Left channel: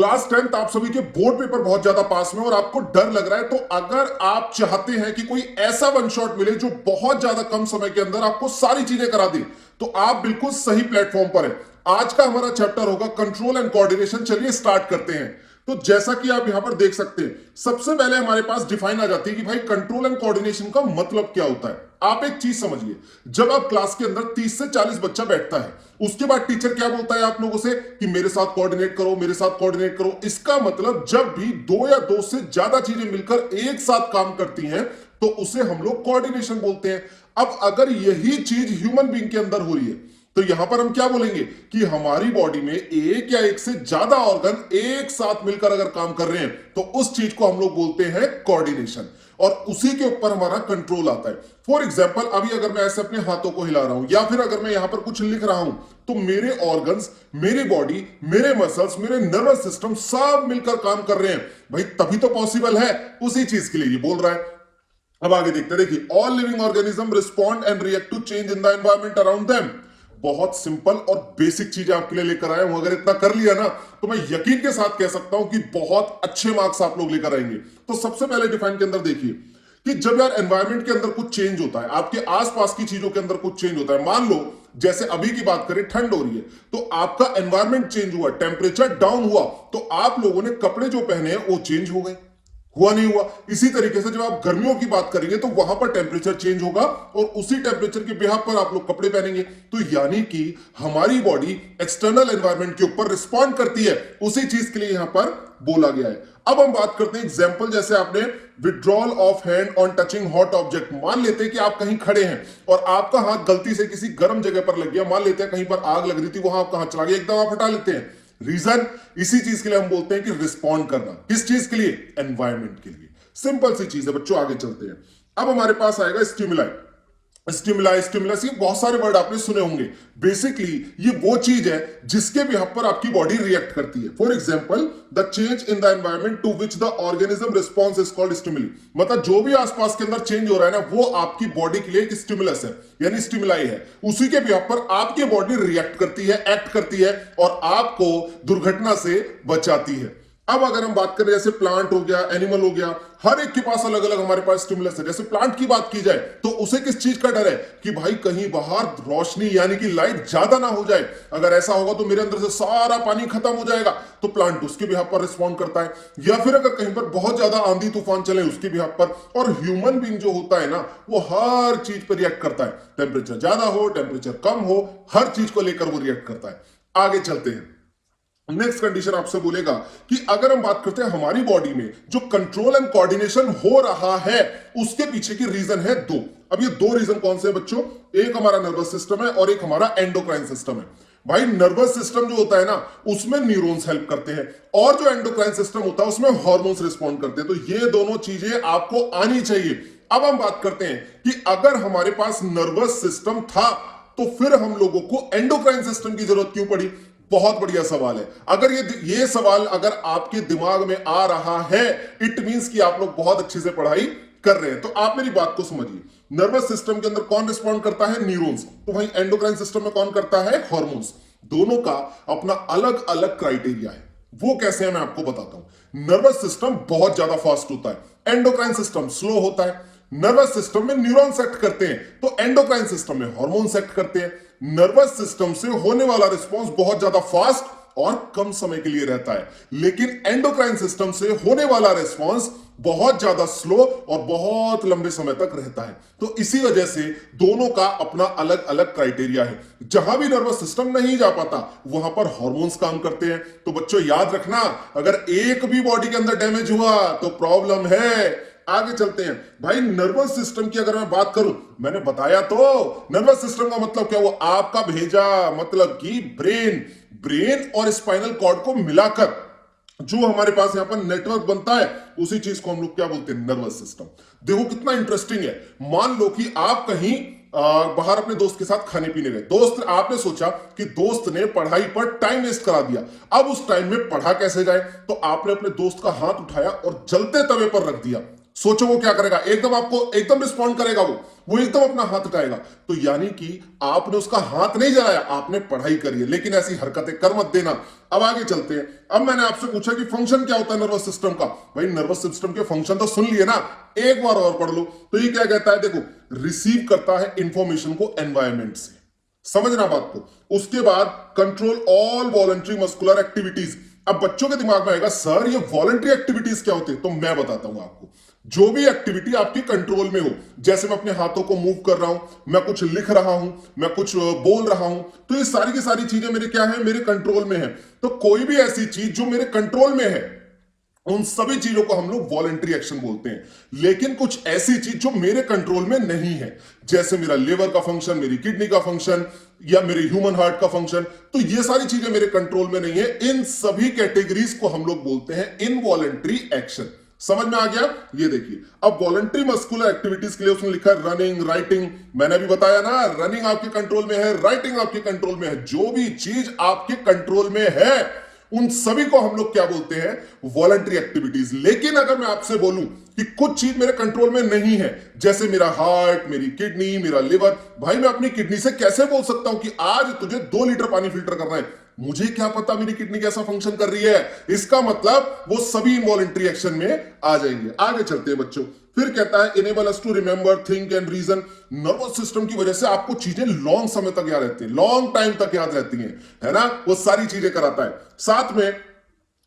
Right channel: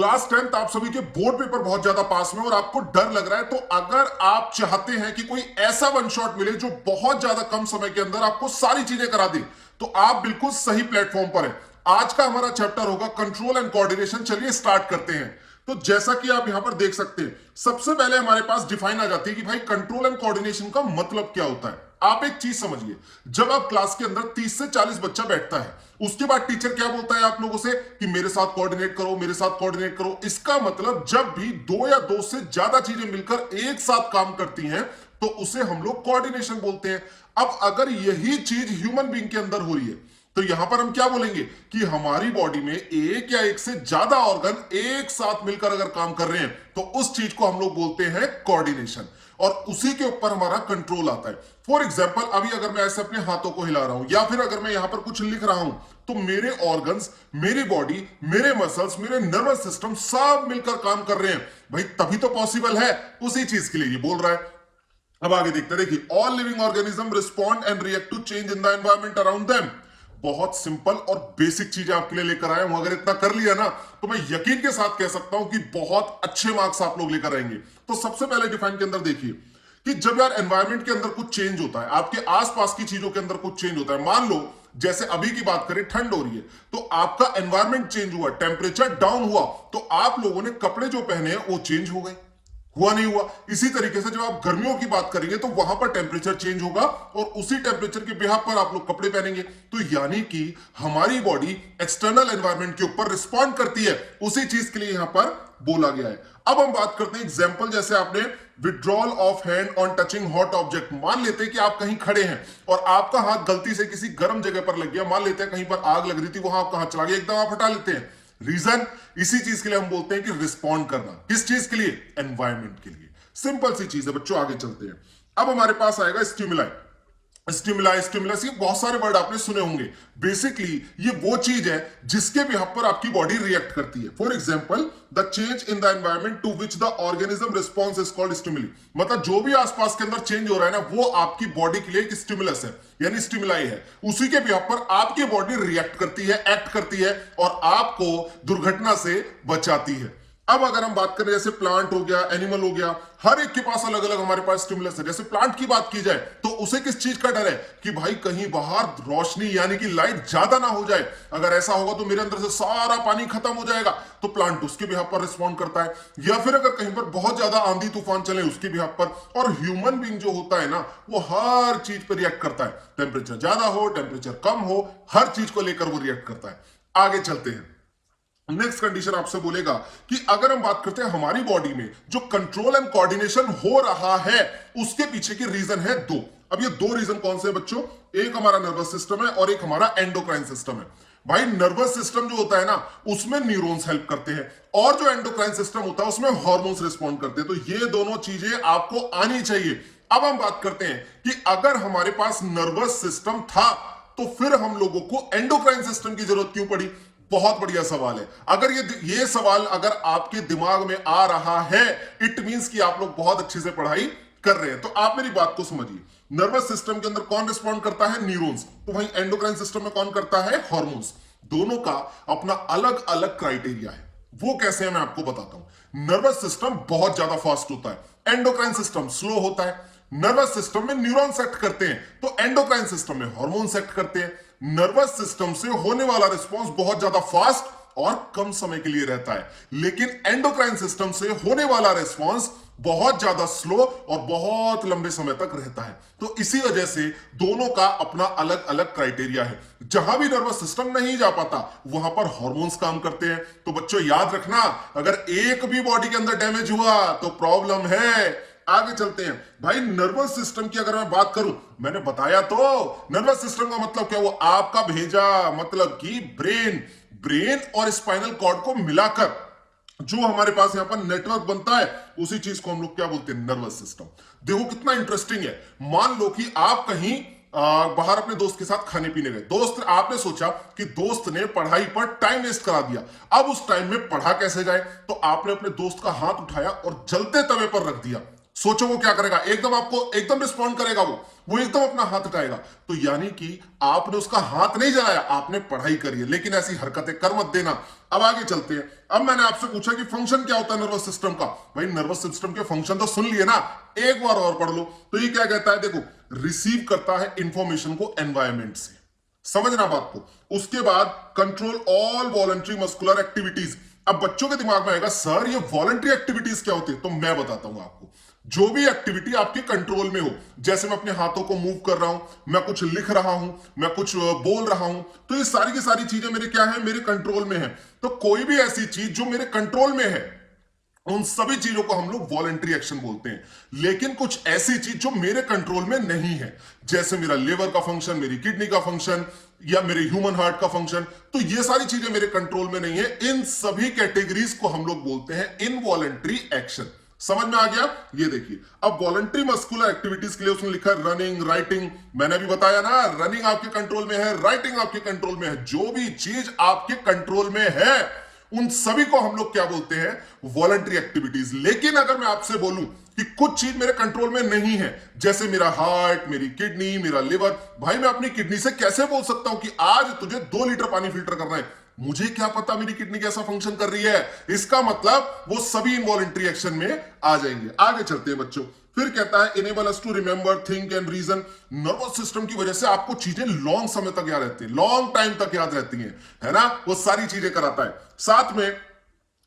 Class 10th आप सभी के बोर्ड पेपर बहुत ज्यादा पास में और आपको डर लग रहा है, तो अगर आप चाहते हैं कि कोई ऐसा वन शॉट मिले जो बहुत ज्यादा कम समय के अंदर आपको सारी चीजें करा दे, तो आप बिल्कुल सही प्लेटफॉर्म पर हैं। आज का हमारा चैप्टर होगा कंट्रोल एंड कोऑर्डिनेशन। चलिए स्टार्ट करते हैं। तो जैसा कि आप यहां पर देख सकते हैं, सबसे पहले हमारे पास डिफाइन आ जाती है कि भाई कंट्रोल एंड कोऑर्डिनेशन का मतलब क्या होता है। आप एक चीज समझिए, जब आप क्लास के अंदर 30 से 40 बच्चा बैठता है, उसके बाद टीचर क्या बोलता है आप लोगों से कि मेरे साथ कोऑर्डिनेट करो, मेरे साथ कोऑर्डिनेट करो। इसका मतलब जब भी दो या दो से ज्यादा चीजें मिलकर एक साथ काम करती हैं तो उसे हम लोग कोऑर्डिनेशन बोलते हैं। अब अगर यही चीज ह्यूमन बीइंग के अंदर हो रही है, तो यहां पर हम क्या बोलेंगे कि हमारी बॉडी में एक या एक से ज्यादा ऑर्गन एक साथ मिलकर अगर काम कर रहे हैं तो उस चीज को हम लोग बोलते हैं कोऑर्डिनेशन, और उसी के ऊपर हमारा कंट्रोल आता है। फॉर एग्जाम्पल, अभी अगर मैं ऐसे अपने हाथों को हिला रहा हूं या फिर अगर मैं यहां पर कुछ लिख रहा हूं, तो मेरे ऑर्गन्स, मेरी बॉडी, मेरे मसल्स, मेरे नर्वस सिस्टम सब मिलकर काम कर रहे हैं। भाई तभी तो पॉसिबल है, उसी चीज के लिए ये बोल रहा है। अब आगे देखते हैं, देखिए, all living organism respond and react to change in the environment around them. बहुत सिंपल और बेसिक चीजें आपके लिए लेकर आया हूं। अगर इतना कर लिया ना, तो मैं यकीन के साथ कह सकता हूं कि बहुत अच्छे मार्क्स आप लोग लेकर आएंगे। तो सबसे पहले डिफाइन के अंदर देखिए कि जब यार एनवायरमेंट के अंदर कुछ चेंज होता है, आपके आसपास की चीजों के अंदर कुछ चेंज होता है, मान लो जैसे अभी की बात करें, ठंड हो रही है, तो आपका एनवायरमेंट चेंज हुआ, टेम्परेचर डाउन हुआ, तो आप लोगों ने कपड़े जो पहने हैं वो चेंज हो गए, हुआ नहीं हुआ। इसी तरीके से जब आप गर्मियों की बात करेंगे तो वहां पर टेम्परेचर चेंज होगा और उसी टेम्परेचर के बिहाफ पर आप लोग कपड़े पहनेंगे। तो यानी कि हमारी बॉडी एक्सटर्नल एनवायरनमेंट के ऊपर रिस्पॉन्ड करती है, उसी चीज के लिए यहां पर बोला गया है। अब हम बात करते हैं एग्जाम्पल, जैसे आपने withdrawal of hand on touching hot object. मान लेते हैं कि आप कहीं खड़े हैं और आपका हाथ गलती से किसी गर्म जगह पर लग गया। मान लेते हैं कहीं पर आग लग रही थी, वहां आपका हाथ चला गया, एकदम आप हटा लेते हैं। रीजन, इसी चीज के लिए हम बोलते हैं कि रिस्पॉन्ड करना। किस चीज के लिए? एनवायरमेंट के लिए। सिंपल सी चीज है बच्चों, आगे चलते हैं। अब हमारे पास आएगा स्टिमुलाई। स्टिमुलाई, स्टिमुलस, ये बहुत सारे वर्ड आपने सुने होंगे। बेसिकली ये वो चीज है जिसके भी हक पर आपकी बॉडी रिएक्ट करती है। For example, the change in the environment to which the organism response is called stimuli. मतलब जो भी आसपास के अंदर चेंज हो रहा है ना, वो आपकी बॉडी के लिए एक स्टिमुलस है, यानी स्टिमुलाई है। उसी के भी हक पर आपकी बॉडी रिएक्ट करती है, एक्ट करती है और आपको दुर्घटना से बचाती है। अब अगर हम बात करें, जैसे प्लांट हो गया, एनिमल हो गया, हर एक के पास अलग अलग हमारे पास स्टिमुलस है। जैसे प्लांट की बात की जाए तो उसे किस चीज का डर है कि भाई कहीं बाहर रोशनी यानी कि लाइट ज्यादा ना हो जाए, अगर ऐसा होगा तो मेरे अंदर से सारा पानी खत्म हो जाएगा। तो प्लांट उसके भी हक पर रिस्पॉन्ड करता है। या फिर अगर कहीं पर बहुत ज्यादा आंधी तूफान चले, उसके भी हक पर। और ह्यूमन बीइंग जो होता है ना, वो हर चीज पर रिएक्ट करता है। टेम्परेचर ज्यादा हो, टेम्परेचर कम हो, हर चीज को लेकर वो रिएक्ट करता है। आगे चलते हैं। नेक्स्ट कंडीशन आपसे बोलेगा कि अगर हम बात करते हैं हमारी बॉडी में जो कंट्रोल एंड कोऑर्डिनेशन हो रहा है, उसके पीछे की रीजन है दो। अब ये दो रीजन कौन से हैं बच्चों? एक हमारा नर्वस सिस्टम है और एक हमारा एंडोक्राइन सिस्टम है। भाई नर्वस सिस्टम जो होता है ना, उसमें न्यूरॉन्स हेल्प करते हैं, और जो एंडोक्राइन सिस्टम होता है उसमें हार्मोन्स रिस्पॉन्ड करते हैं। तो ये दोनों चीजें आपको आनी चाहिए। अब हम बात करते हैं कि अगर हमारे पास नर्वस सिस्टम था तो फिर हम लोगों को एंडोक्राइन सिस्टम की जरूरत क्यों पड़ी? बहुत बढ़िया सवाल है। अगर ये सवाल अगर आपके दिमाग में आ रहा है, इट मींस कि आप लोग बहुत अच्छे से पढ़ाई कर रहे हैं। तो आप मेरी बात को समझिए। नर्वस सिस्टम के अंदर कौन रिस्पॉन्ड करता है? न्यूरॉन्स। तो वहीं एंडोक्राइन सिस्टम में कौन करता है? हार्मोन्स। दोनों का अपना अलग अलग क्राइटेरिया है। वो कैसे है मैं आपको बताता हूं। नर्वस सिस्टम बहुत ज्यादा फास्ट होता है, एंडोक्राइन सिस्टम स्लो होता है। नर्वस सिस्टम में न्यूरॉन्स एक्ट करते हैं तो एंडोक्राइन सिस्टम में हार्मोन्स एक्ट करते हैं। नर्वस सिस्टम से होने वाला रिस्पॉन्स बहुत ज्यादा फास्ट और कम समय के लिए रहता है, लेकिन एंडोक्राइन सिस्टम से होने वाला रिस्पॉन्स बहुत ज्यादा स्लो और बहुत लंबे समय तक रहता है। तो इसी वजह से दोनों का अपना अलग अलग क्राइटेरिया है। जहां भी नर्वस सिस्टम नहीं जा पाता, वहां पर हार्मोन्स काम करते हैं। तो बच्चों याद रखना, अगर एक भी बॉडी के अंदर डैमेज हुआ तो प्रॉब्लम है। आगे चलते हैं। भाई नर्वस सिस्टम की अगर मैं बात करूं, मैंने बताया तो नर्वस सिस्टम का मतलब क्या हुआ? आपका भेजा मतलब कि ब्रेन और स्पाइनल कॉर्ड को मिलाकर जो हमारे पास यहां पर नेटवर्क बनता है, उसी चीज को हम लोग क्या बोलते हैं? Nervous system. देखो कितना इंटरेस्टिंग है। मान लो कि आप कहीं बाहर अपने दोस्त के साथ खाने पीने गए। दोस्त, आपने सोचा कि दोस्त ने पढ़ाई पर टाइम वेस्ट करा दिया, अब उस टाइम में पढ़ा कैसे जाए? तो आपने अपने दोस्त का हाथ उठाया और जलते तवे पर रख दिया। सोचो वो क्या करेगा, एकदम आपको एकदम रिस्पॉन्ड करेगा, वो एकदम अपना हाथ उठाएगा। तो यानी कि आपने उसका हाथ नहीं जलाया, आपने पढ़ाई करी है, लेकिन ऐसी हरकतें कर मत देना। अब आगे चलते हैं। अब मैंने आपसे पूछा कि फंक्शन क्या होता है नर्वस सिस्टम का। भाई नर्वस सिस्टम के फंक्शन तो सुन लिए ना, एक बार और पढ़ लो। तो ये क्या कहता है, देखो, रिसीव करता है इंफॉर्मेशन को एनवायरमेंट से, समझना बात को। उसके बाद control all voluntary muscular activities. अब बच्चों के दिमाग में आएगा सर ये वॉलंटरी एक्टिविटीज क्या होती है, तो मैं बताता हूं आपको। जो भी एक्टिविटी आपके कंट्रोल में हो, जैसे मैं अपने हाथों को मूव कर रहा हूं, मैं कुछ लिख रहा हूं, मैं कुछ बोल रहा हूं, तो ये सारी की सारी चीजें मेरे क्या है, मेरे कंट्रोल में है। तो कोई भी ऐसी चीज जो मेरे कंट्रोल में है, उन सभी चीजों को हम लोग वॉलंटरी एक्शन बोलते हैं। लेकिन कुछ ऐसी चीज जो मेरे कंट्रोल में नहीं है, जैसे मेरा लिवर का फंक्शन, मेरी किडनी का फंक्शन, या मेरे ह्यूमन हार्ट का फंक्शन, तो ये सारी चीजें मेरे कंट्रोल में नहीं है। इन सभी कैटेगरीज को हम लोग बोलते हैं इनवॉलंटरी एक्शन। समझ में आ गया? ये देखिए, अब वॉलंटरी मस्कुलर एक्टिविटीज के लिए उसने लिखा रनिंग, राइटिंग। मैंने भी बताया ना, रनिंग आपके कंट्रोल में है, राइटिंग आपके कंट्रोल में है। जो भी चीज आपके कंट्रोल में है, उन सभी को हम लोग क्या बोलते हैं, वॉलंटरी एक्टिविटीज। लेकिन अगर मैं आपसे बोलूं कि कुछ चीज मेरे कंट्रोल में नहीं है, जैसे मेरा हार्ट, मेरी किडनी, मेरा लिवर, भाई मैं अपनी किडनी से कैसे बोल सकता हूं कि आज तुझे 2 लीटर पानी फिल्टर करना है? मुझे क्या पता मेरी किडनी कैसा फंक्शन कर रही है। इसका मतलब वो सभी इनवॉलंटरी एक्शन में आ जाएंगे। आगे चलते हैं बच्चों। फिर कहता है enable us to remember, think and reason. Nervous system की वजह से आपको चीजें लॉन्ग समय तक याद रहती है, लॉन्ग टाइम तक याद रहती हैं, है ना, वो सारी चीजें कराता है साथ में।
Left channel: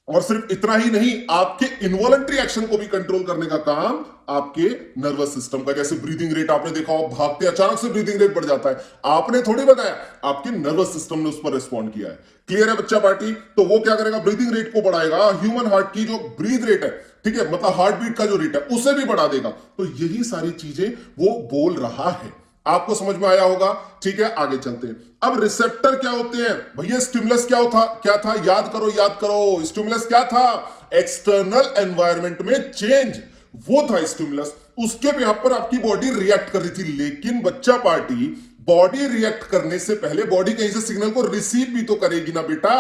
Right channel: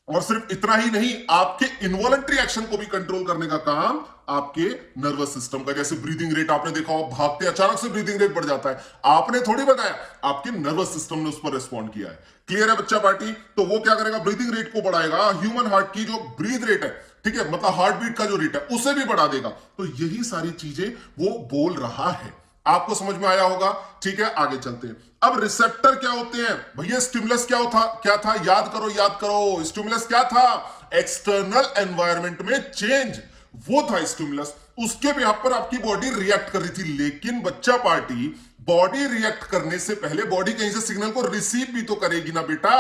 और सिर्फ इतना ही नहीं, आपके इनवॉलंटरी एक्शन को भी कंट्रोल करने का काम आपके नर्वस सिस्टम का। जैसे ब्रीदिंग रेट आपने देखा हो, भागते अचानक से ब्रीदिंग रेट बढ़ जाता है, आपने थोड़ी बताया, आपके नर्वस सिस्टम ने उस पर रिस्पॉन्ड किया है। क्लियर है बच्चा पार्टी? तो वो क्या करेगा, ब्रीदिंग रेट को बढ़ाएगा, ह्यूमन हार्ट की जो ब्रीथ रेट है, ठीक है, मतलब हार्ट बीट का जो रेट है, उसे भी बढ़ा देगा। तो यही सारी चीजें वो बोल रहा है। आपको समझ में आया होगा? ठीक है, आगे चलते हैं। अब रिसेप्टर क्या होते हैं भैया? स्टिमुलस क्या था, याद करो याद करो। स्टिमुलस क्या था? एक्सटर्नल एनवायरनमेंट में चेंज, वो था स्टिमुलस। उसके यहाँ पर आपकी बॉडी रिएक्ट कर रही थी। लेकिन बच्चा पार्टी, बॉडी रिएक्ट करने से पहले बॉडी कहीं से सिग्नल को रिसीव भी तो करेगी ना बेटा।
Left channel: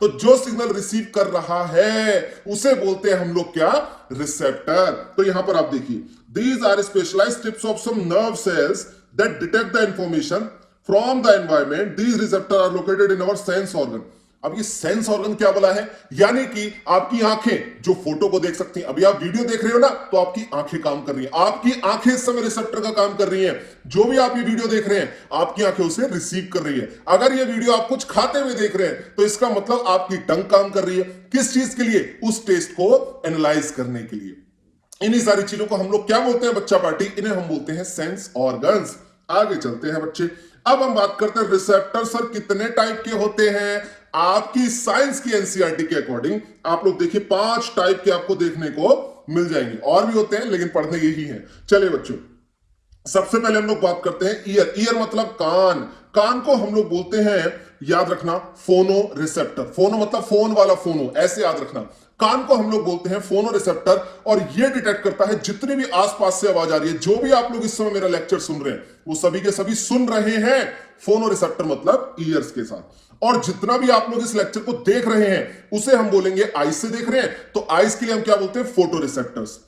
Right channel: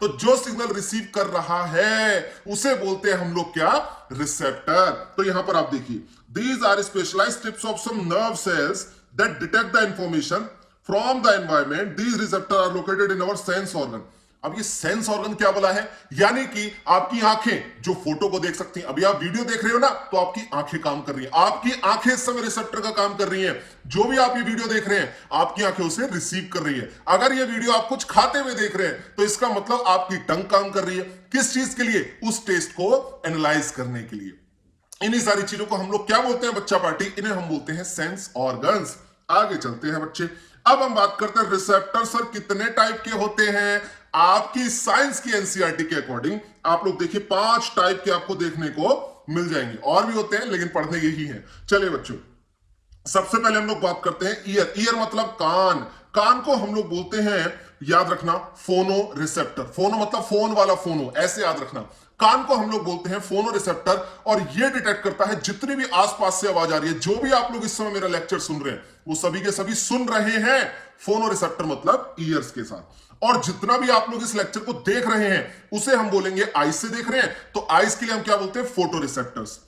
तो जो सिग्नल रिसीव कर रहा है उसे बोलते हैं हम लोग क्या, रिसेप्टर। तो यहां पर आप देखिए, these are specialised tips of some nerve cells that detect the information from the environment. These receptors are located in our sense organ. अब ये सेंस ऑर्गन क्या बोला है, यानी कि आपकी आंखें जो फोटो को देख सकती हैं। अभी आप वीडियो देख रहे हो ना, तो आपकी आंखें काम कर रही हैं, आपकी आंखें इस समय रिसेप्टर का काम कर रही हैं। जो भी आप ये वीडियो देख रहे हैं, आपकी आंखें उसे रिसीव कर रही है। अगर ये वीडियो आप कुछ खाते हुए देख रहे हैं, तो इसका मतलब आपकी टंग काम कर रही है। किस चीज के लिए? उस टेस्ट को एनालाइज करने के लिए। इन्हीं सारी चीजों को हम लोग क्या बोलते हैं बच्चा पार्टी? इन्हें हम बोलते हैं सेंस ऑर्गन्स। आगे चलते हैं बच्चे। अब हम बात करते हैं रिसेप्टर सर कितने टाइप के होते हैं। आपकी साइंस की एनसीईआरटी के अकॉर्डिंग आप लोग देखिए 5 टाइप के आपको देखने को मिल जाएंगे। और भी होते हैं लेकिन पढ़ने यही है। चलिए बच्चों, सबसे पहले हम लोग बात करते हैं ईयर। ईयर मतलब कान। कान को हम लोग बोलते हैं, याद रखना, फोनो रिसेप्टर। फोनो मतलब फोन वाला फोनो, ऐसे याद रखना। कान को हम लोग बोलते हैं फोनो रिसेप्टर, और ये डिटेक्ट करता है जितनी भी आसपास से आवाज आ रही है। जो भी आप लोग इस समय मेरा लेक्चर सुन रहे हैं, वो सभी के सभी सुन रहे हैं फोनो रिसेप्टर मतलब ईयर्स के साथ। और जितना भी आप लोग इस लेक्चर को देख रहे हैं, उसे हम बोलेंगे आईज से देख रहे हैं, तो आईज के लिए हम क्या बोलते हैं, फोटो रिसेप्टर्स।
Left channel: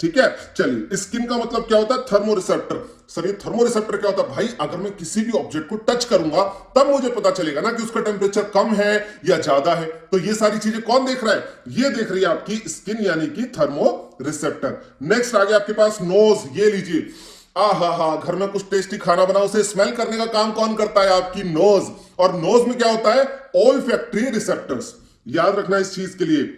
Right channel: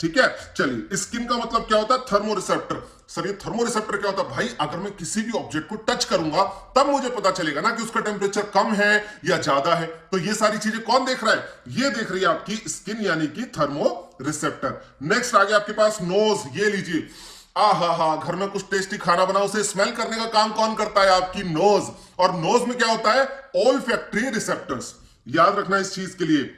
ठीक है, चलिए। स्किन का मतलब क्या होता है, थर्मो रिसेप्टर। सर ये थर्मो रिसेप्टर क्या होता है? भाई अगर मैं किसी भी ऑब्जेक्ट को टच करूंगा, तब मुझे पता चलेगा ना कि उसका टेम्परेचर कम है या ज्यादा है। तो ये सारी चीजें कौन देख रहा है? ये देख रही है आपकी स्किन, यानी कि थर्मो रिसेप्टर। नेक्स्ट आ गया आपके पास नोज। ये लीजिए, हा, घर में कुछ टेस्टी खाना बनाओ, उसे स्मेल करने का काम कौन करता है? आपकी नोज। और नोज में क्या होता है? Olfactory receptors. याद रखना इस चीज के लिए।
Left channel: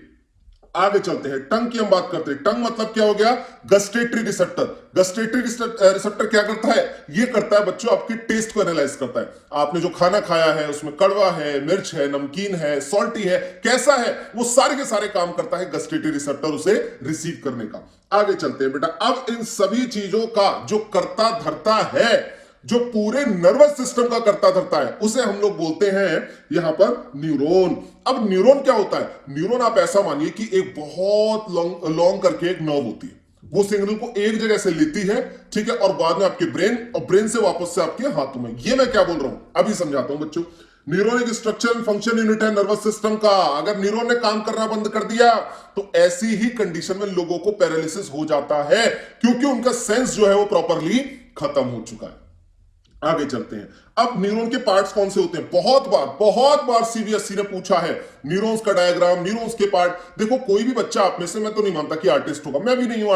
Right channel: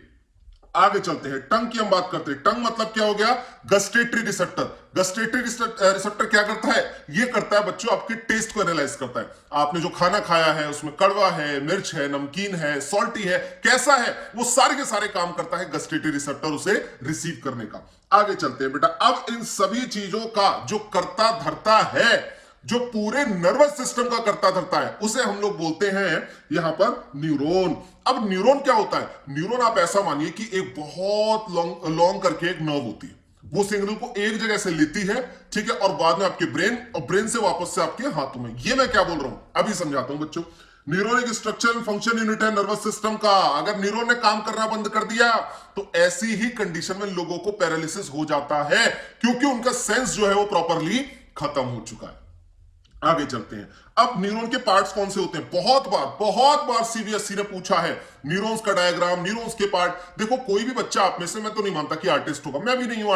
आगे चलते हैं, टंग की हम बात करते हैं। टंग मतलब क्या हो गया? Gustatory receptor. गस्टेटरी रिसेप्टर क्या करता है? ये करता है बच्चों, आपकी टेस्ट को एनालाइज करता है। आपने जो खाना खाया है उसमें कड़वा है, मिर्च है, नमकीन है, सॉल्टी है, कैसा है, वो सारे के सारे काम करता है गस्टेटरी रिसेप्टर उसे रिसीव करने का। आगे चलते हैं बेटा। अब इन सभी चीजों का जो करता धरता है, जो पूरे नर्वस सिस्टम का करता धरता है, उसे हम लोग बोलते हैं यहां पर न्यूरॉन। अब न्यूरॉन क्या होता है? न्यूरॉन आप ऐसा मानिए कि एक बहुत लॉन्ग करके एक नर्व होती है। वो सिग्नल को एक जगह से लेती है, ठीक है, और बाद में आपके ब्रेन, और ब्रेन से वापस से आपके हाथों में। ये मैं क्या बोल रहा हूं, अभी समझाता हूं बच्चों। न्यूरॉन एक स्ट्रक्चर एंड फंक्शन यूनिट है नर्वस सिस्टम का। अगर न्यूरॉन ने काम करना बंद कर दिया तो ऐसी ही कंडीशन में लोगों को पैरालिसिस हो जाता है, क्योंकि उनका सेंस जो है वो प्रॉपरली खत्म हो चुका है। आगे चलते हैं। अब न्यूरॉन के पार्ट्स कौन से होते हैं? बहुत बार सीबीएसई ने पूछा है न्यूरॉन्स का डायग्राम, न्यूरॉन्स के पार्ट। देखो, कोई भी बच्चा आप में से, मैं तो नहीं मानता कि आर्टिस्ट होगा, मैं भी नहीं हूं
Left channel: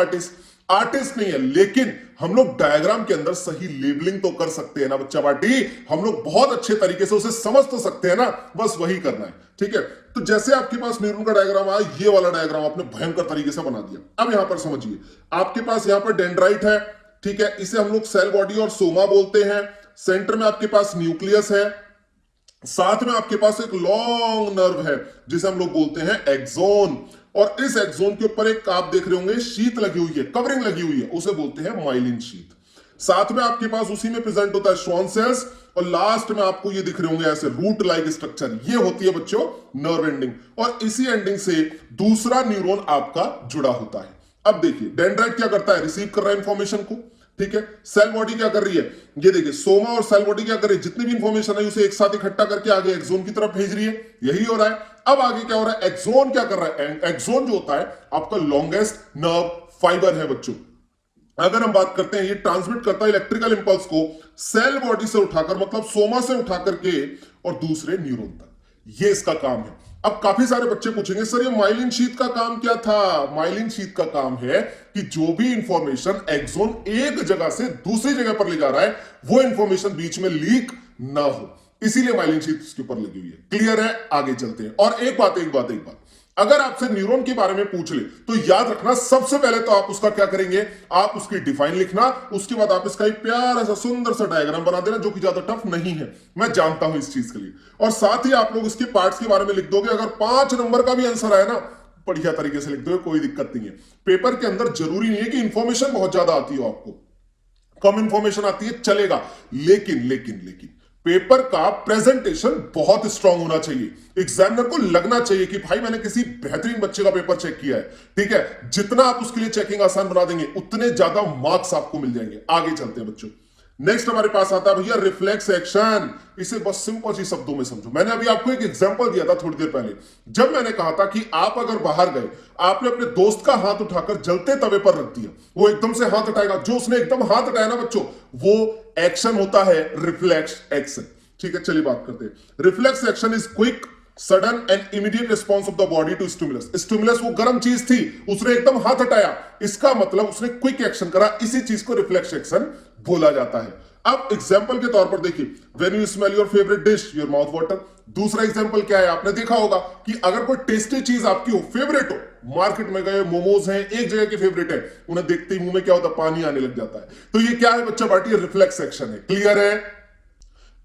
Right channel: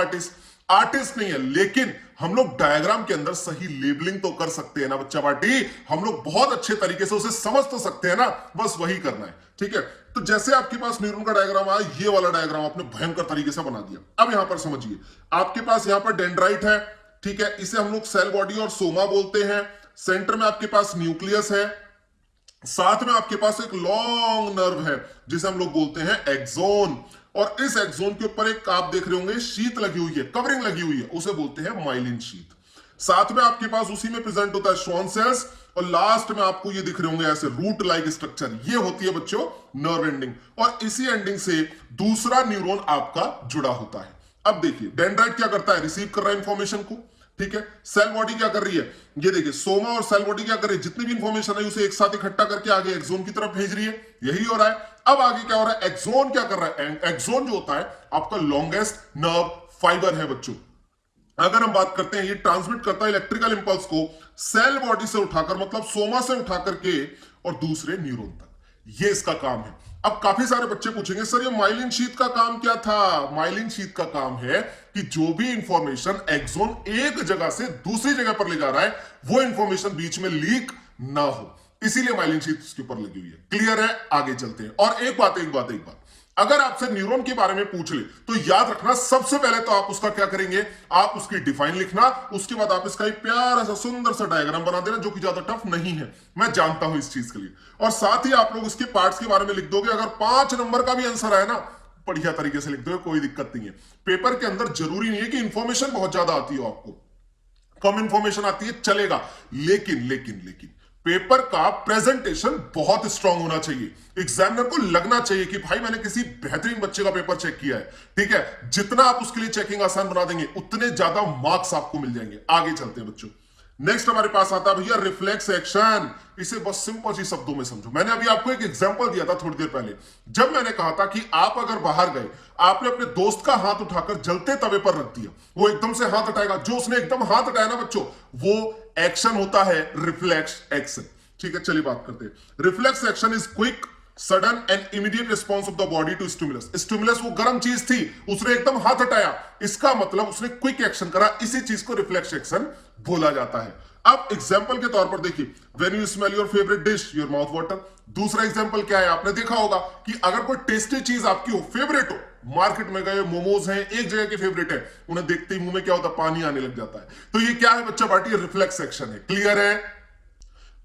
आर्टिस्ट नहीं है, लेकिन हम लोग डायग्राम के अंदर सही लेबलिंग तो कर सकते हैं ना बच्चा पार्टी। हम लोग बहुत अच्छे तरीके से उसे समझ तो सकते हैं ना, बस वही करना है। ठीक है, तो जैसे आपके पास न्यूरॉन का डायग्राम आया, ये वाला डायग्राम आपने भयंकर तरीके से बना दिया। अब यहां पर समझिए, आपके पास यहां पर डेंड्राइट है, ठीक है, इसे हम लोग सेल बॉडी और सोमा बोलते हैं। सेंटर में आपके पास न्यूक्लियस है, साथ में आपके पास एक लॉन्ग नर्व है जिसे हम लोग बोलते हैं एक्सोन, और इस एक्सोन के ऊपर एक आप देख रहे होंगे शीत लगी हुई है, कवरिंग लगी हुई है, उसे बोलते हैं माइलिन शीत। साथ में आपके पास उसी में प्रेजेंट होता है श्वान सेल्स, और लास्ट में आपको ये दिख रहे होंगे ऐसे रूट लाइक स्ट्रक्चर, ये होती है बच्चों नर्व एंडिंग, और इसी एंडिंग से दूसरा न्यूरॉन आपका जुड़ा होता है। अब देखिए, डेंड्राइट क्या करता है? रिसीव कर रहा है इंफॉर्मेशन को, ठीक है। सेल बॉडी क्या कर रही है? ये देखिए, सोमा और सेल बॉडी क्या कर रही है? जितनी भी इंफॉर्मेशन है उसे एक साथ इकट्ठा करके आगे एक्सोन की तरफ भेज रही है, यही हो रहा है। अब आगे क्या हो रहा है? एक्सोन क्या कर रहा है? एक्सोन जो होता है आपका लॉन्गेस्ट नर्व फाइबर है बच्चों। अगर हम बात करते हैं, ये ट्रांसमिट करता है इलेक्ट्रिकल इंपल्स को सेल बॉडी से उठाकर, मतलब सोमा से उठाकर के और दूसरे न्यूरॉन तक, ये इसका काम है। अब काफी सारे बच्चे पूछेंगे, सर ये माइलिन शीट का काम क्या था? माइलिन शीट का काम है कि जो भी इंफॉर्मेशन एक्सोन एक जगह से दूसरी जगह पर ले जा रहा है, वो इंफॉर्मेशन बीच में लीक ना हो, इसीलिए माइलिन शीट इसके ऊपर लगी हुई है। क्लियर है? आगे चलते हैं। और एक बात, अगर आपसे न्यूरॉन के बारे में पूछ ले तो याद रखना, सबसे पहले तो आप उसका क्या करेंगे? आप उसकी डिफाइन लिखना, उसके बाद आप इसका एक प्यारा सा सुंदर सा डायग्राम बना देना, जो कि ज्यादा टफ नहीं है, मैं जानता हूं इस चीज के लिए। और साथ ही आप लोग इसके पार्ट्स के बारे में लिख दोगे। अगर 5 नंबर का भी आंसर आए ना, बढ़िया तरीके से लिख दोगे, कोई दिक्कत नहीं है। पेपर के अंदर जरूरी नहीं है कि इंफॉर्मेशन बहुत ज्यादा आती हो, आपको कम इंफॉर्मेशन आती है चलेगा, लेकिन पेपर का प्रेजेंटेशन बहुत स्ट्रांग होना चाहिए। एग्जामिनर को लगना चाहिए कि भाई मैंने किसी बेहतरीन बच्चे का पेपर चेक किया है, ठीक है। जितना आप उसके लिए चेकिंग आसान बना देंगे, उतने ज्यादा मार्क्स आपको मिल जाएंगे। आगे चलते हैं बच्चों। नेक्स्ट हमारे पास आता है भैया रिफ्लेक्स एक्शन। इसे बस सिंपल सी शब्दों में समझो। मैंने अभी आपको एक एग्जांपल दिया था थोड़ी देर पहले, जब मैंने कहा था कि आप अगर बाहर गए, आपने अपने दोस्त का हाथ उठाकर जलते तवे पर रख दिया, वो एकदम से हाथ उठाएगा, जो उसने एकदम हाथ उठाया ना बच्चों, वो एक्शन होता है रिफ्लेक्स एक्शन। ठीक है, चलिए बात करते हैं। Reflex action is quick, sudden and immediate response of the body to stimulus. Stimulus वो गर्म चीज थी, उसने एकदम हाथ हटाया, इसका मतलब उसने क्विक एक्शन करा, इसी चीज को रिफ्लेक्स एक्शन बोला जाता है। अब एग्जांपल के तौर पर देखिए, when you smell your favourite dish, your mouth water. दूसरा एग्जांपल क्या है? आपने देखा होगा कि अगर कोई टेस्टी चीज आपकी हो, फेवरेट हो, मार्केट में गए, मोमोज हैं, एक जगह के फेवरेट है, उन्हें देखते ही मुंह में क्या होता है? पानी आने लग जाता है। तो ये क्या है बच्चा पार्टी? रिफ्लेक्स एक्शन है। क्लियर है?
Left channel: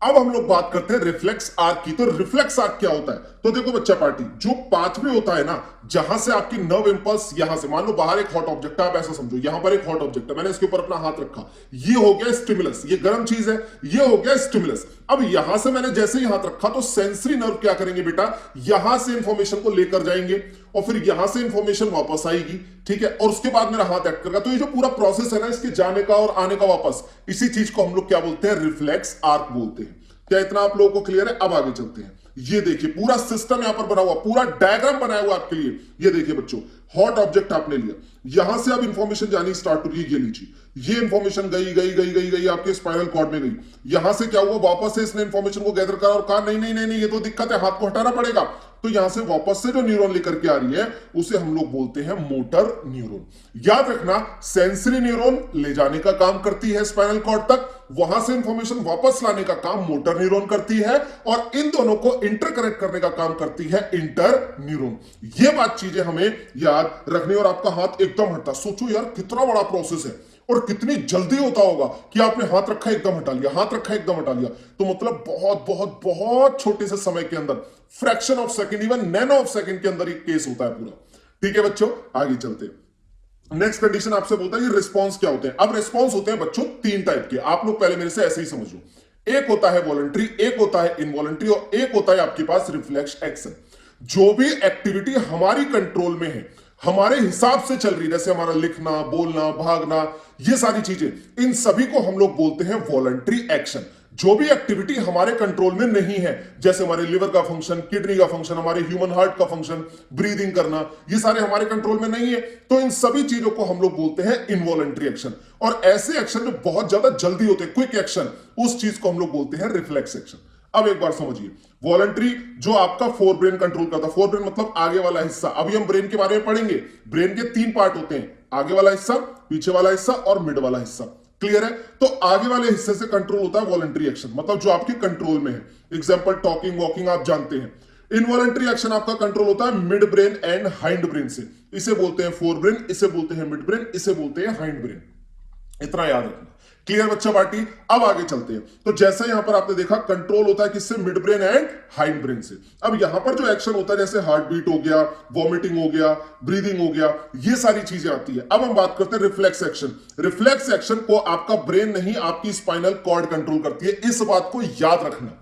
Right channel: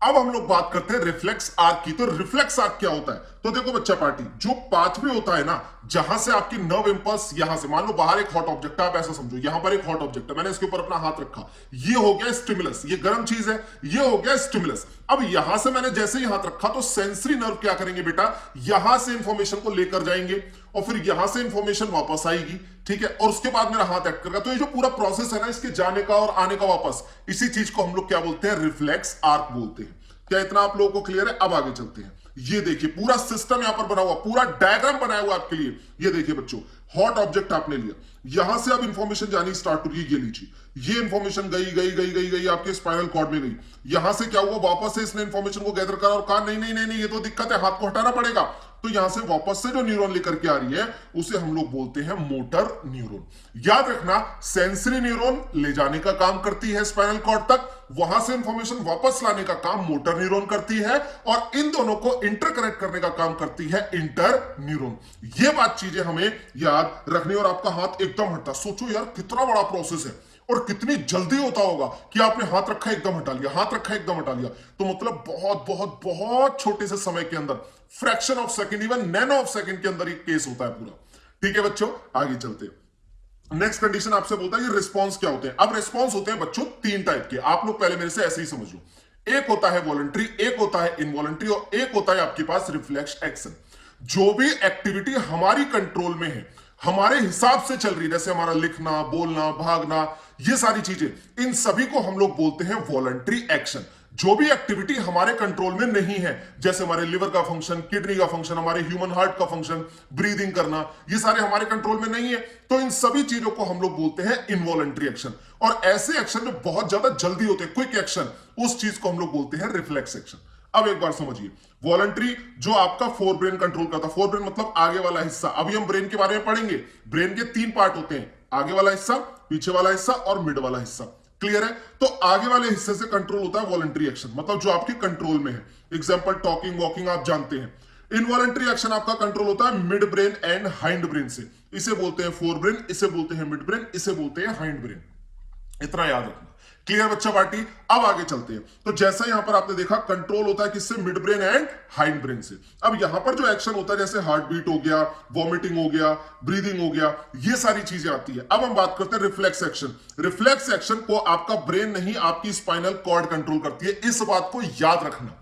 अब हम लोग बात करते हैं रिफ्लेक्स आर्क की। तो रिफ्लेक्स आर्क क्या होता है? तो देखो बच्चा पार्टी, जो पाथवे होता है ना, जहां से आपकी नर्व इंपल्स, यहां से मान लो बाहर एक हॉट ऑब्जेक्ट है, आप ऐसा समझो, यहां पर एक हॉट ऑब्जेक्ट है, मैंने इसके ऊपर अपना हाथ रखा, ये हो गया स्टिमुलस, ये गर्म चीज है, ये हो गया स्टिमुलस। अब यहां से मैंने जैसे ही हाथ रखा, तो सेंसरी नर्व क्या करेंगे बेटा? यहां से इंफॉर्मेशन को लेकर जाएंगे और फिर यहां से इंफॉर्मेशन वापस आएगी, ठीक है, और उसके बाद मेरा हाथ एक्ट करेगा। तो ये जो पूरा प्रोसेस है ना, इसके जाने का और आने का वापस, इसी चीज को हम लोग क्या बोलते हैं? रिफ्लेक्स आर्क बोलते हैं। क्या इतना आप लोगों को क्लियर है? अब आगे चलते हैं। ये देखिए पूरा सिस्टम यहां पर बना हुआ, पूरा डायग्राम बनाया हुआ आपके लिए। ये देखिए बच्चों, हॉट ऑब्जेक्ट आपने लिया, यहां से अब इंफॉर्मेशन जानी स्टार्ट हो रही है। ये लीजिए, ये इंफॉर्मेशन गई आपके स्पाइनल कॉर्ड में गई। यहां से क्या हुआ? वापस से इसने इंफॉर्मेशन को गैदर करा और कहा नहीं, ये तो दिक्कत है, हाथ को हटाना पड़ेगा। तो यहां से वापस से जो न्यूरॉन लेकर के आ रही है, उसे हम लोग बोलते हैं मोटर न्यूरॉन। याद रखना, सेंसरी न्यूरॉन ले जाने का काम करती है स्पाइनल कॉर्ड तक, वहां से इंफॉर्मेशन वापस लाने का काम मोटर न्यूरॉन करती है, और इन दोनों को इंटरकनेक्ट करने का काम करती है इंटर न्यूरॉन। ये बात चीजें हमें याद रखनी। और आपका हाथ एकदम हटता, सोचो यार कितना बड़ा प्रोसेस है और कितनी जल्दी होता होगा कि आपने हाथ रखा एकदम हटा लिया, हाथ रखा एकदम हटा लिया। तो मतलब बहुत बहुत बहुत छोटे से समय के अंदर, fraction of second, even nano of second के अंदर एक केस होता है पूरा। ठीक है बच्चों, आगे चलते हैं। नेक्स्ट कंडीशन आपसे बोलता है ये रिस्पॉन्स क्या होते हैं। अब रिस्पॉन्स होते हैं बच्चों 3 टाइप के, आप लोग पहले मेरे से ऐसे ही समझो। एक होता है वॉलंटरी, एक होता है इनवॉलंटरी, और एक होता है आपके पास रिफ्लेक्स एक्शन। जो भी एक्टिविटी हमारी कंट्रोल में है, हमारे हिसाब से चल रही है, जैसे हमारा लिखना, बोलना, भागना, ये सारी चीजें, इन सभी को हम लोग बोलते हैं वॉलंटरी एक्शन। जो भी एक्टिविटी हमारे कंट्रोल में नहीं है, जैसे हमारे लिवर का फंक्शन, किडनी का फंक्शन, हमारे ह्यूमन हार्ट का फंक्शन, ब्रीदिंग करना, ये सारे हमारे कंट्रोल में नहीं है, तो इन सभी चीजों को हम लोग बोलते हैं इनवॉलंटरी एक्शन। और ऐसे एक्शन जो बहुत ज्यादा जल्दी होते हैं, क्विक एक्शन, उस चीज को हम लोग बोलते हैं रिफ्लेक्स एक्शन। अब एक बार समझिए, वॉलंटरी जो आपका फोर ब्रेन कंट्रोल करता है, फोर ब्रेन मतलब आगे वाला हिस्सा। अभी हम ब्रेन के बारे में पढ़ेंगे। ब्रेन के 3 पार्ट होते हैं, आगे वाला हिस्सा, पीछे वाला हिस्सा और मिड वाला हिस्सा। क्लियर है? तो आगे वाले हिस्से से कंट्रोल होता है वॉलंटरी एक्शन, मतलब जो आपके कंट्रोल में है। एग्जांपल टॉकिंग, वॉकिंग आप जानते हैं। इनवॉलंटरी एक्शन आपका कंट्रोल होता है mid brain and hind brain से। इसे बोलते हैं फोर ब्रेन, इसे बोलते हैं मिड ब्रेन, इसे बोलते हैं हाइंड ब्रेन। इतना याद रखना। क्लियर बच्चा पार्टी? अब आगे चलते हैं। तो जैसा यहां पर आपने देखा, कंट्रोल होता है किससे? Mid brain and hind brain से। अब यहां पर जो एक्शन होता है, जैसे हार्ट बीट हो गया, वॉमिटिंग हो गया, ब्रीदिंग हो गया, ये सारी चीजें आती है। अब हम बात करते हैं रिफ्लेक्स एक्शन। रिफ्लेक्स एक्शन को आपका ब्रेन नहीं, आपकी स्पाइनल कॉर्ड कंट्रोल करती है। इस बात को याद रखना।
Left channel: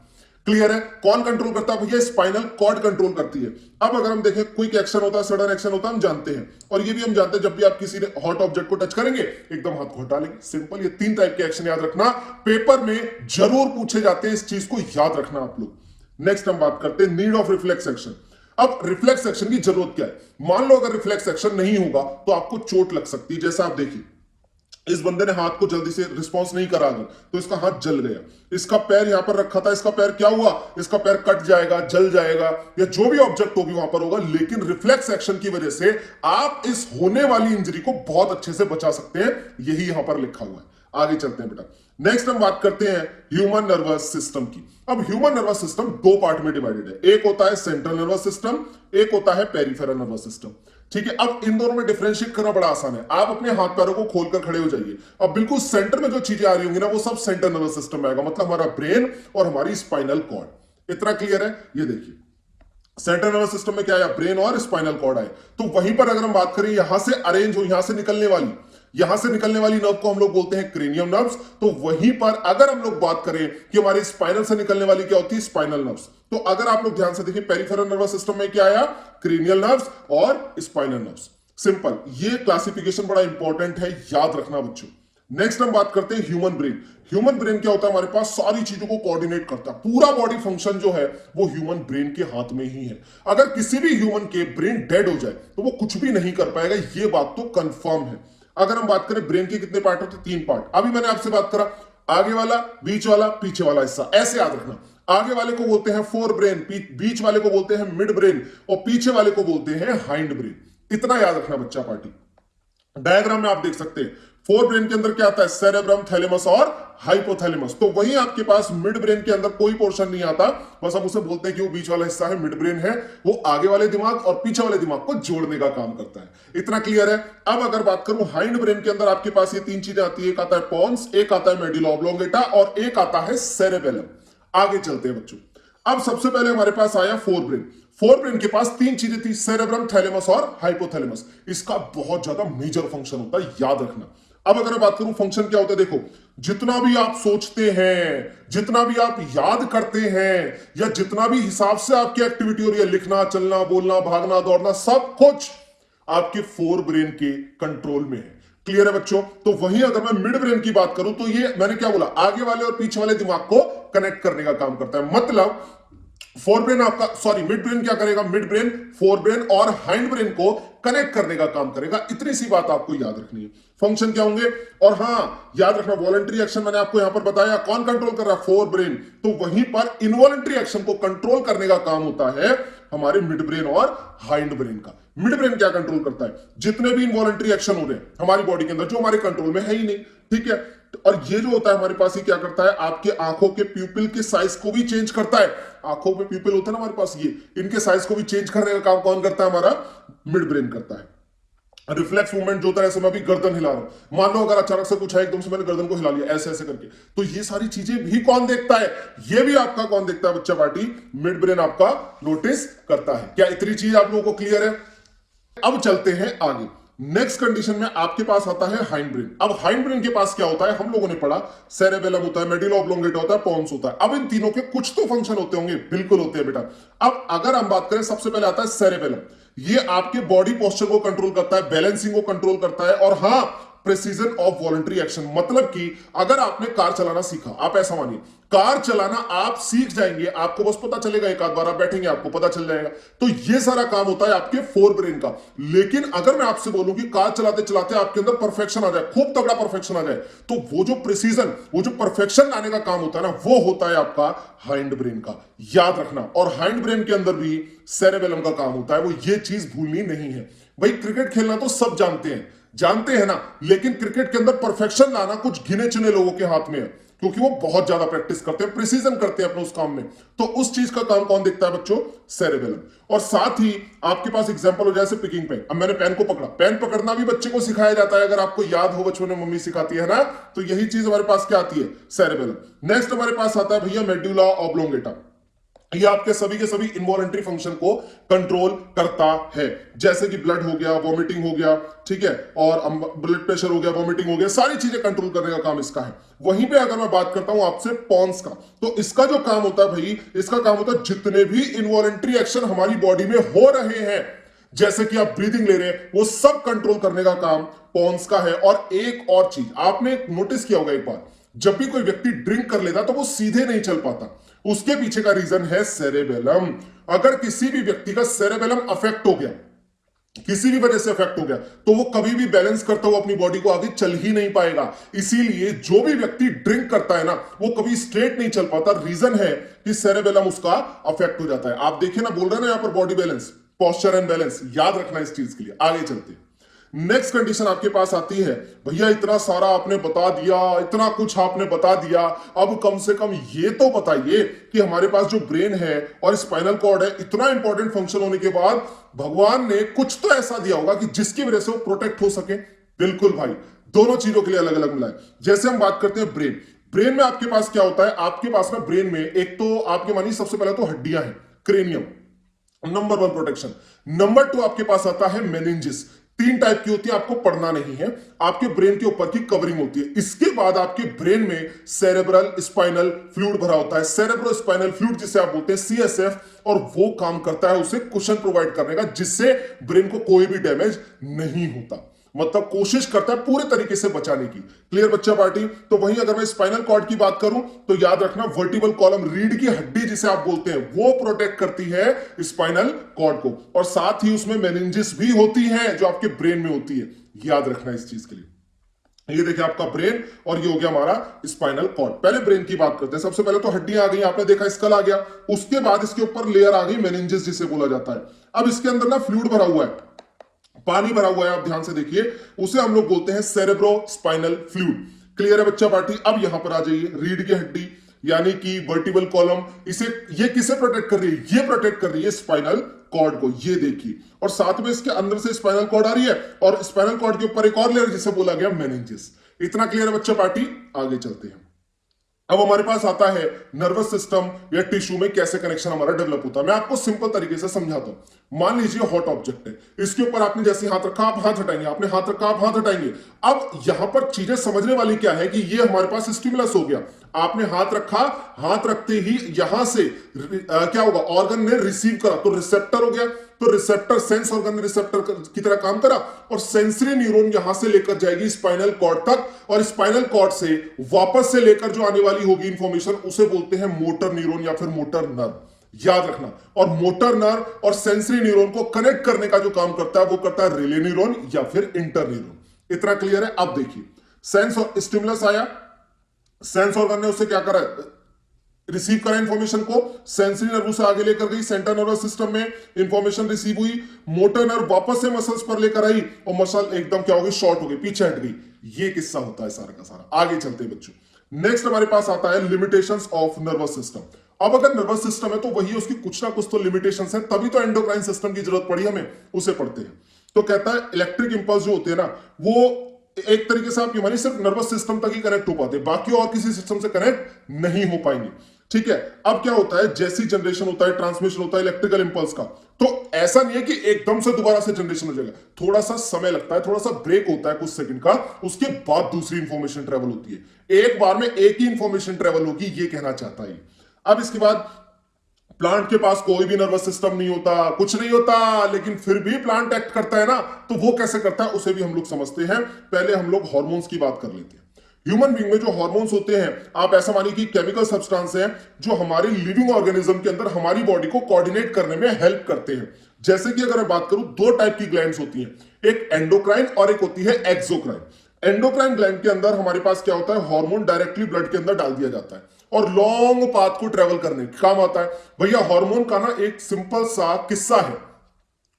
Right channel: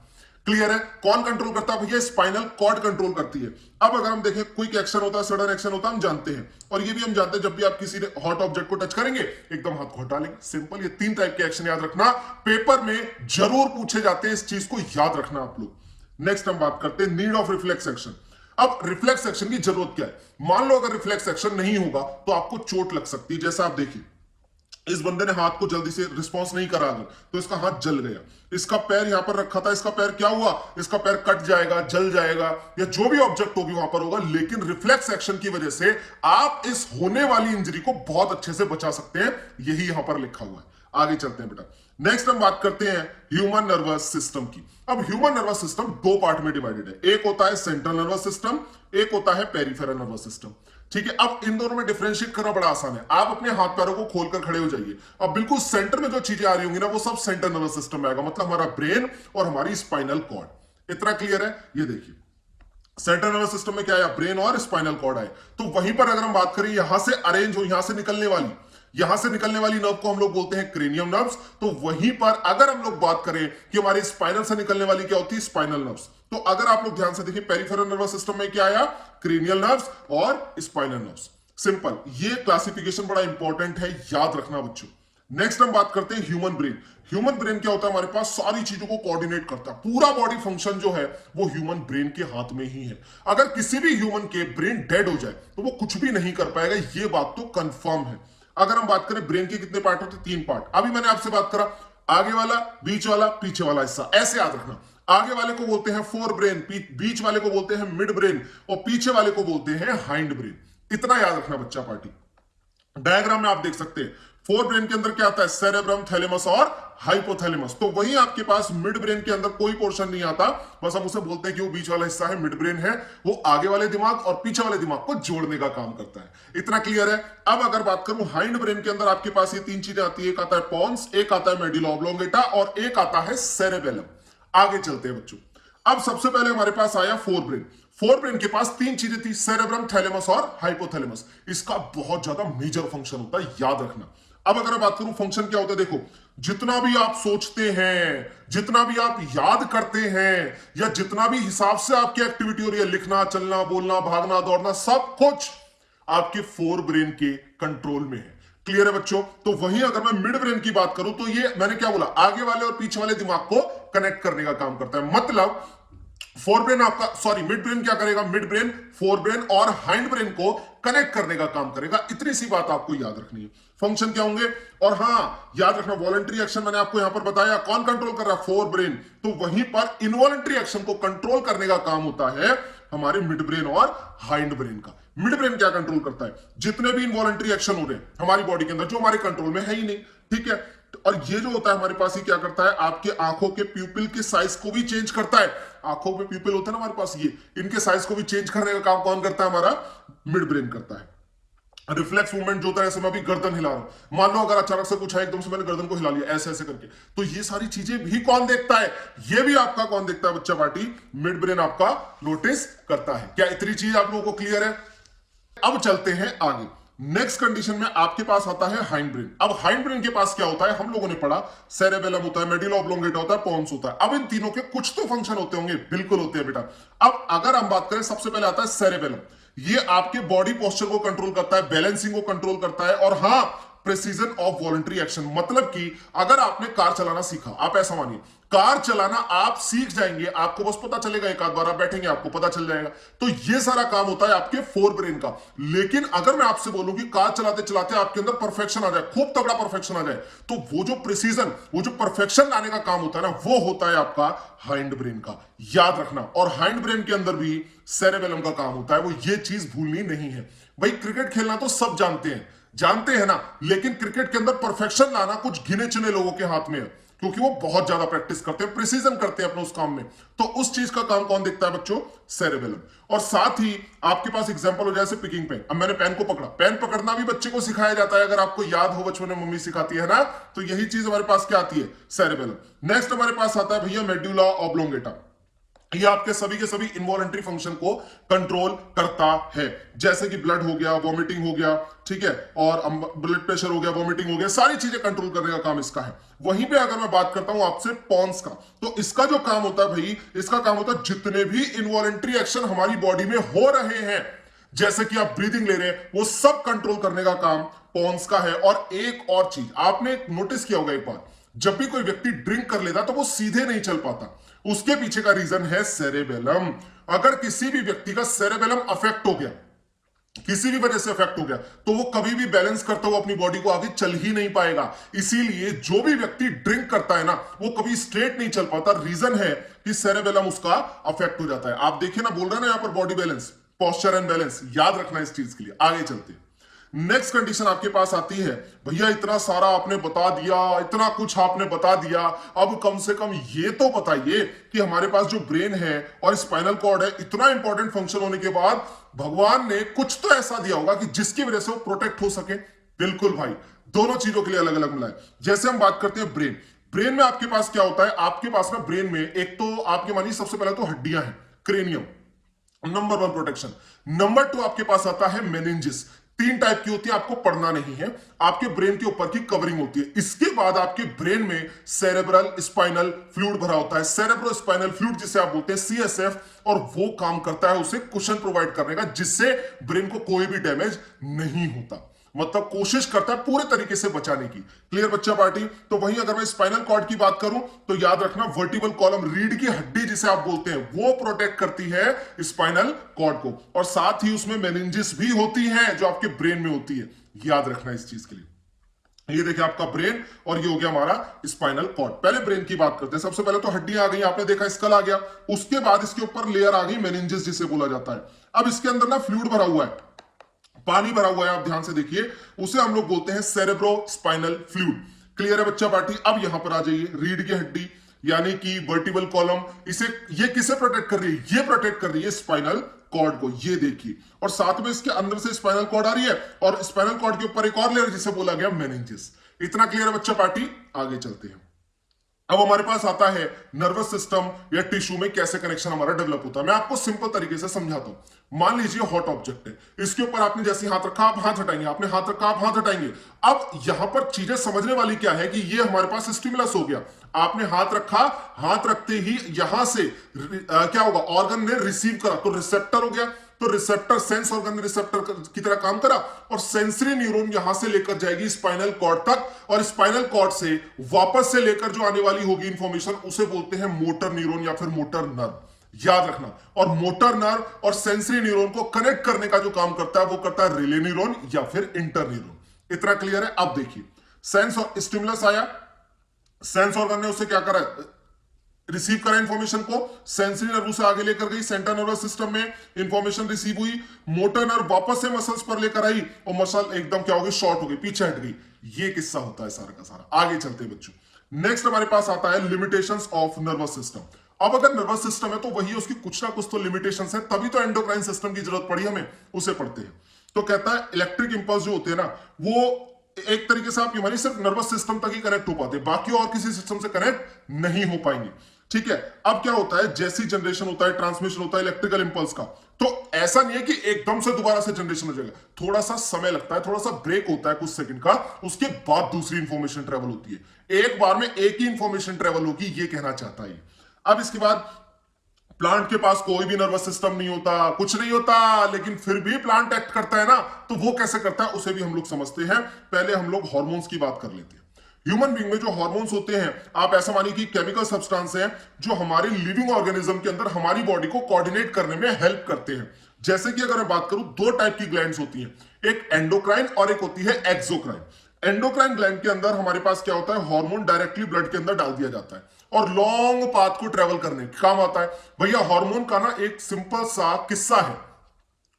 क्लियर है? कौन कंट्रोल करता है भैया? स्पाइनल कॉर्ड कंट्रोल करती है। अब अगर हम देखें, क्विक एक्शन होता है, सडन एक्शन होता है, हम जानते हैं। और ये भी हम जानते हैं, जब भी आप किसी हॉट ऑब्जेक्ट को टच करेंगे, एकदम हाथ को हटा लेंगे। सिंपल। ये 3 टाइप के एक्शन याद रखना, पेपर में जरूर पूछे जाते हैं, इस चीज को याद रखना आप लोग। नेक्स्ट हम बात करते हैं नीड ऑफ रिफ्लेक्स एक्शन। अब रिफ्लेक्स एक्शन की जरूरत क्या है? मान लो अगर रिफ्लेक्स एक्शन नहीं होगा तो आपको चोट लग सकती है। जैसा आप देखिए, इस बंदे ने हाथ को जल्दी से रिस्पॉन्स नहीं करा तो इसका हाथ जल गया। इसका पैर यहां पर रखा था, इसका पैर क्या हुआ? इसका पैर कट जाएगा, जल जाएगा, या जो भी ऑब्जेक्ट होगी वहां पर होगा। लेकिन रिफ्लेक्स एक्शन की वजह से आप इस होने वाली इंजरी को बहुत अच्छे से बचा सकते हैं। यही यहां पर लिखा हुआ है। आगे चलते हैं बेटा। नेक्स्ट हम बात करते हैं ह्यूमन नर्वस सिस्टम की। अब ह्यूमन नर्वस सिस्टम 2 पार्ट में डिवाइडेड है। एक होता है सेंट्रल नर्वस सिस्टम, एक होता है पेरिफेरल नर्वस सिस्टम। ठीक है? अब इन दोनों में डिफरेंशिएट करना बड़ा आसान है। आप अपने हाथ पैरों को खोलकर खड़े हो जाइए। अब बिल्कुल सेंटर में जो चीजें आ रही होंगी ना, वो सब सेंट्रल नर्वस सिस्टम में आएगा, मतलब हमारा ब्रेन और हमारी स्पाइनल कॉर्ड। इतना क्लियर है? ये देखिए, सेंट्रल नर्वस सिस्टम में क्या आया? ब्रेन और स्पाइनल कॉर्ड आए। तो वहीं पर अगर हम बात करें, यहां से अरेंज हो, यहां से निकलने वाली नर्व को हम लोग बोलते हैं क्रेनियम नर्व्स। तो वहीं पर अगर हम लोग बात करें कि हमारी स्पाइनल से निकलने वाली क्या होती है? Spinal nerves. तो अगर आप लोग ध्यान से देखें, पेरिफेरल नर्वस सिस्टम में क्या आया? क्रेनियल नर्व्स और स्पाइनल नर्व्स। सिंपल। ये क्लासिफिकेशन बड़ा इंपॉर्टेंट है, याद रखना बच्चों। नेक्स्ट हम बात करते हैं ह्यूमन ब्रेन। ह्यूमन ब्रेन क्या होता है? हमारे पास सारी चीजों को कोऑर्डिनेट करता है। पूरा बॉडी फंक्शन जो है वो ह्यूमन ब्रेन के हाथ में ही है। अगर किसी भी ह्यूमन के ब्रेन डेड हो जाए तो वो कुछ भी नहीं कर पाएगा, ये बात तो कंफर्म है। अगर हम बात करें ब्रेन के कितने पार्ट होते हैं? 3 पार्ट। अभी मैंने आपसे बात करा, आगे वाला, बीच वाला, पीछे वाला हिस्सा। ऐसे याद रखना। आगे वाले को बोलते हैं फोर ब्रेन, बीच वाले को बोलते हैं मिड ब्रेन और पीछे वाले को बोलते हैं हाइंड ब्रेन। इतना याद रखना बच्चा पार्टी। डायग्राम में आप देख सकते हैं, फोर ब्रेन के अंदर क्या आता है? सेरेब्रम, थैलेमस और हाइपोथैलेमस। तो वहीं आपके पास मिड ब्रेन के अंदर कोई पोर्शन नहीं आता, बस हम उसे बोलते हैं कि वो बीच वाला हिस्सा है, मिड ब्रेन है। वो आगे वाले दिमाग और पीछे वाले दिमाग को जोड़ने का काम करता है। इतना क्लियर है? अब अगर बात करूं हाइंड ब्रेन के अंदर, आपके पास ये 3 चीजें आती है। एक आता है पॉन्स, एक आता है मेडुला ऑब्लोंगेटा और एक आता है सेरेबेलम। आगे चलते हैं बच्चों। अब सबसे पहले हमारे पास आया फोर ब्रेन। फोर ब्रेन के पास 3 चीजें थी, सेरेब्रम, थैलेमस और हाइपोथैलेमस। इसका बहुत ज्यादा मेजर फंक्शन होता है, याद रखना। अब अगर बात करूं फंक्शन क्या होता है, देखो, जितना भी आप सोचते हैं, जितना भी आप याद करते हैं, या जितना भी हिसाब से आपकी एक्टिविटी हो रही है, लिखना, चलना, बोलना, भागना, दौड़ना, सब कुछ आपके फोर ब्रेन के कंट्रोल में है। क्लियर है बच्चों? तो वहीं अगर मैं मिड ब्रेन की बात करूं तो ये मैंने क्या बोला? आगे वाले और पीछे वाले दिमाग को कनेक्ट करने का काम करता है। मतलब फोर ब्रेन आपका, सॉरी, मिड ब्रेन क्या करेगा? मिड ब्रेन फोर ब्रेन और हाइंड ब्रेन को कनेक्ट करने का काम करेगा। इतनी सी बात आपको याद रखनी है। फंक्शन क्या होंगे? और हां, याद रखना, वॉलंटरी एक्शन मैंने आपको यहां पर बताया, कौन कंट्रोल कर रहा है? Fore brain. तो वहीं पर इनवॉलंटरी एक्शन को कंट्रोल करने का काम होता है हमारे मिड ब्रेन और हाइंड ब्रेन का। मिड ब्रेन क्या कंट्रोल करता है? जितने भी इनवॉलंटरी एक्शन हो रहे हैं हमारी बॉडी के अंदर, जो हमारे कंट्रोल में है ही नहीं। ठीक है? और ये जो होता है हमारे पास, ये क्या करता है? आपके आंखों के प्यूपिल के साइज को भी चेंज करता है। आंखों पे प्यूपिल होता है ना हमारे पास, ये इनके साइज को भी चेंज करने का काम कौन करता है? हमारा मिड ब्रेन करता है। रिफ्लेक्स मूवमेंट जो होता है, ऐसे मैं भी गर्दन हिला रहा हूं, मान लो अगर अचानक से कुछ है, एकदम से मैंने गर्दन को हिला लिया ऐसे ऐसे करके, तो ये सारी चीजें भी कौन देखता है? ये भी आपका कौन देखता है बच्चा पार्टी? मिड ब्रेन आपका नोटिस करता है। क्या इतनी चीज आप लोगों को क्लियर है? अब चलते हैं आगे। नेक्स्ट कंडीशन में आपके पास आता है हाइंड ब्रेन। अब हाइंड ब्रेन के पास क्या होता है? हम लोगों ने पढ़ा, सेरेबेलम होता है, मेडुला ऑब्लोंगेटा होता है, पॉन्स होता है। अब इन तीनों के कुछ तो फंक्शन होते होंगे, बिल्कुल होते हैं बेटा। अब अगर हम बात करें, सबसे पहले आता है सेरेबेलम। ये आपके बॉडी पोस्चर को कंट्रोल करता है, बैलेंसिंग को कंट्रोल करता है, और हां, प्रिसीजन ऑफ वॉलंटरी एक्शन। मतलब कि अगर आपने कार चलाना सीखा, आप ऐसा मानिए कार चलाना आप सीख जाएंगे, आपको बस पता चलेगा, एक आध बार आप बैठेंगे आपको पता चल जाएगा। तो ये सारा काम होता है आपके फोर ब्रेन का। लेकिन अगर मैं आपसे बोलूं कि कार चलाते चलाते आपके अंदर परफेक्शन आ जाए, खूब तगड़ा परफेक्शन आ जाए, तो वो जो प्रिसीजन, वो जो परफेक्शन लाने का काम होता है ना, वो होता है आपका हाइंड ब्रेन का। याद रखना। और हाइंड ब्रेन के अंदर भी सेरेबेलम का काम होता है, वो ये चीज भूलनी नहीं है। भाई क्रिकेट खेलना तो सब जानते हैं ना, लेकिन क्रिकेट के अंदर परफेक्शन लाना कुछ गिने चुने लोगों के हाथ में है, क्योंकि वो बहुत ज्यादा प्रैक्टिस करते हैं, प्रिसीजन करते हैं अपने उस काम में। तो उस चीज का काम कौन देखता है बच्चों? सेरेबेलम। और साथ ही आपके पास एग्जांपल हो जैसे पिकिंग पेन। अब मैंने पेन को पकड़ा, पेन पकड़ना भी बच्चे को सिखाया जाता है, अगर आपको याद हो बचपन में मम्मी सिखाती है ना, तो यही चीज हमारे पास क्या आती है? सेरेबेलम। नेक्स्ट हमारे पास आता है भैया मेडुला ऑब्लोंगेटा। ये आपके सभी के सभी इनवॉलंटरी फंक्शन को कंट्रोल करता है, जैसे कि ब्लड हो गया, वॉमिटिंग हो गया, ठीक है, और ब्लड प्रेशर हो गया, वॉमिटिंग हो गया, सारी चीजें कंट्रोल करने का काम इसका है। वहीं पे अगर मैं बात करता हूं आपसे पॉन्स का, तो इसका जो काम होता है भाई, इसका काम होता है जितने भी इनवॉलंटरी एक्शन हमारी बॉडी में हो रहे हैं, जैसे कि आप ब्रीदिंग ले रहे हैं, वो सब कंट्रोल करने का काम पॉन्स का है। और एक और चीज आपने नोटिस किया होगा, एक बार जब भी कोई व्यक्ति ड्रिंक कर लेता तो वो सीधे नहीं चल पाता, उसके पीछे का रीजन है सेरेबेलम। अगर किसी भी व्यक्ति का सेरेबेलम अफेक्ट हो गया, किसी भी वजह से अफेक्ट हो गया, तो वो कभी भी बैलेंस करता हुआ अपनी बॉडी को आगे चल ही नहीं पाएगा। इसीलिए जो भी व्यक्ति ड्रिंक करता है ना, वो कभी स्ट्रेट नहीं चल पाता। रीजन है कि सेरेबेलम उसका अफेक्ट हो जाता है। आप देखिए ना, बोल रहे हैं ना यहां पर body balance, posture and balance, याद रखना इस चीज के लिए। आगे चलते हैं, नेक्स्ट कंडीशन आपके पास आती है, भैया इतना सारा आपने बता दिया, इतना कुछ आपने बता दिया, अब कम से कम ये तो बताइए कि हमारे पास जो ब्रेन है और स्पाइनल कॉर्ड है, इतना इंपॉर्टेंट फंक्शन होने के बाद भगवान ने कुछ तो ऐसा दिया होगा कि जिसकी वजह से वो प्रोटेक्ट हो सके। बिल्कुल भाई, दोनों चीजों के लिए अलग अलग मिला है। जैसे हम बात करते हैं ब्रेन, ब्रेन में आपके पास क्या होता है? आपके पास ना ब्रेन में एक तो आपके मानिए सबसे पहले तो हड्डियां हैं, क्रेनियम, नंबर 1 प्रोटेक्शन। नंबर 2 आपके पास आता है मेनिंजिस। 3 टाइप की होती है, आपको पढ़ना नहीं है, आपके ब्रेन के ऊपर की कवरिंग होती है। इसके बाद आपके ब्रेन में सेरेब्रल स्पाइनल फ्लूइड भरा होता है, सेरेब्रो स्पाइनल फ्लूइड जिसे आप बोलते हैं सीएसएफ, और वो काम करता है उसे कुशन प्रोवाइड करने का, जिससे ब्रेन को कोई भी डैमेज नहीं होता। मतलब कोशिश करता है पूरे तरीके से बचाने की। क्लियर बच्चा पार्टी? तो वहीं अगर मैं स्पाइनल कॉर्ड की बात करूं, तो याद रखना वर्टिबल कॉलम, रीढ़ की हड्डी जिसे आप बोलते हैं, वो प्रोटेक्ट करती है स्पाइनल कॉर्ड को, और साथ ही उसमें मेनिंजिस भी होती है जो आपके ब्रेन में होती है। याद रखना इस चीज के लिए। ये देखिए आपका ब्रेन, और ये हो गया हमारा स्पाइनल कॉर्ड। पहले ब्रेन की बात करते हैं। सबसे पहले तो हड्डियां आ गई, आपने देखा स्कल आ गया, उसके बाद इसके ऊपर लेयर आ गई मेनिंजिस जिसे बोला जाता है। अब इसके अंदर ना फ्लूइड भरा हुआ है, पानी भरा हुआ है, आप ध्यान से देखिए, उसे हम लोग बोलते हैं सेरेब्रो स्पाइनल फ्लूइड। क्लियर है बच्चा पार्टी? अब यहां पर आ जाइए, रीढ़ की हड्डी यानी कि वर्टिबल कॉलम, इसे ये किसे प्रोटेक्ट कर रही है? ये प्रोटेक्ट कर रही है स्पाइनल कॉर्ड को, ये देखिए। और साथ में इसके अंदर से स्पाइनल कॉर्ड आ रही है, और स्पाइनल कॉर्ड के ऊपर एक और लेयर जिसे बोला गया मेनिंजिस। इतना क्लियर है बच्चा पार्टी? आगे चलते हैं। अब हमारे पास आता है नर्वस सिस्टम या टिश्यू में कैसे कनेक्शन हमारा डेवलप होता है। मैं आपको सिंपल तरीके से समझाता हूं। मान लीजिए हॉट ऑब्जेक्ट है, इसके ऊपर आपने जैसे हाथ रखा आप हाथ हटाएंगे, आपने हाथ रखा आप हाथ हटाएंगे। अब यहां पर चीजें समझने वाली क्या है कि ये हमारे पास स्टिमुलस हो गया, आपने हाथ रखा, हाथ रखते ही यहां से क्या होगा? ऑर्गन ने रिसीव करा, तो रिसेप्टर हो गया, तो रिसेप्टर सेंस ऑर्गन ने रिसेप्टर की तरह काम करा, और सेंसरी न्यूरॉन यहां से लेकर जाएगी स्पाइनल कॉर्ड तक, और स्पाइनल कॉर्ड से वापस से लेकर जो आने वाली होगी इंफॉर्मेशन, उसे बोलते हैं मोटर न्यूरॉन या फिर मोटर नर्व। याद रखना। और मोटर नर्व और सेंसरी न्यूरॉन को कनेक्ट करने का जो काम करता है वो करता है रिले न्यूरॉन या फिर इंटर न्यूरॉन। इतना क्लियर है? अब देखिए, सेंस और स्टिमुलस आया, सेंस ऑर्गन ने उसे क्या करा? रिसीव करा इंफॉर्मेशन को, सेंसरी नर्व से आगे लेकर गई, सेंट्रल नर्वस सिस्टम में इंफॉर्मेशन रिसीव हुई, मोटर नर्व वापस से मसल्स पर लेकर आई, और मसल एकदम क्या हो गई? शॉर्ट हो गई, पीछे हट गई। ये किस्सा होता है सारा का सारा। आगे चलते हैं बच्चों। नेक्स्ट हमारे पास आता है लिमिटेशंस ऑफ नर्वस सिस्टम। अब अगर नर्वस सिस्टम है तो वही उसकी कुछ ना कुछ तो लिमिटेशंस है, तभी तो एंडोक्राइन सिस्टम की जरूरत पड़ी हमें, उसे पढ़ते हैं। तो कहता है इलेक्ट्रिक इंपल्स जो होते हैं ना, वो एक तरीके से आपकी मानी सिर्फ नर्वस सिस्टम तक ही कनेक्ट हो पाते, बाकी और किसी सिस्टम से कनेक्ट नहीं हो पाएंगे। ठीक है? अब क्या होता है, जैसी जनरेशन होता है, ट्रांसमिशन होता है इलेक्ट्रिकल इंपल्स का, तो ऐसा नहीं है कि एकदम से दोबारा से जनरेशन हो जाएगा, थोड़ा सा समय लगता है, थोड़ा सा ब्रेक होता है कुछ सेकंड का, उसके बाद दूसरी इंफॉर्मेशन ट्रेवल होती है। एक बार में एक ही इंफॉर्मेशन ट्रेवल होगी, ये कहना चाहता है। अब इसके बाद प्लांट के पास कोई भी नर्वस सिस्टम नहीं होता, कुछ नहीं होता, लेकिन फिर भी प्लांट एक्ट करता है ना, तो वो कैसे करता है उसे भी हम लोग समझते हैं। पहले हम लोग हार्मोन्स की बात कर लेते हैं। ह्यूमन बीइंग में जो हार्मोन्स होते हैं, आप ऐसा मानिए कि केमिकल सब्सटेंस हैं जो हमारे लिविंग ऑर्गेनिज्म के अंदर हमारी बॉडी को कोऑर्डिनेट करने में हेल्प करते हैं। जैसे कि अगर मैं बात करूं, दो टाइप की ग्लैंड्स होती हैं, एक एंडोक्राइन और एक होती है एक्सोक्राइन। एंडोक्राइन ग्लैंड के अंदर हमारे पास क्या होता है, हार्मोन डायरेक्टली ब्लड के अंदर डाल दिया जाता है और लॉन्ग पाथ को ट्रेवल करने का काम आता है। भैया हार्मोन का ना एक सिंपल सा किस्सा है,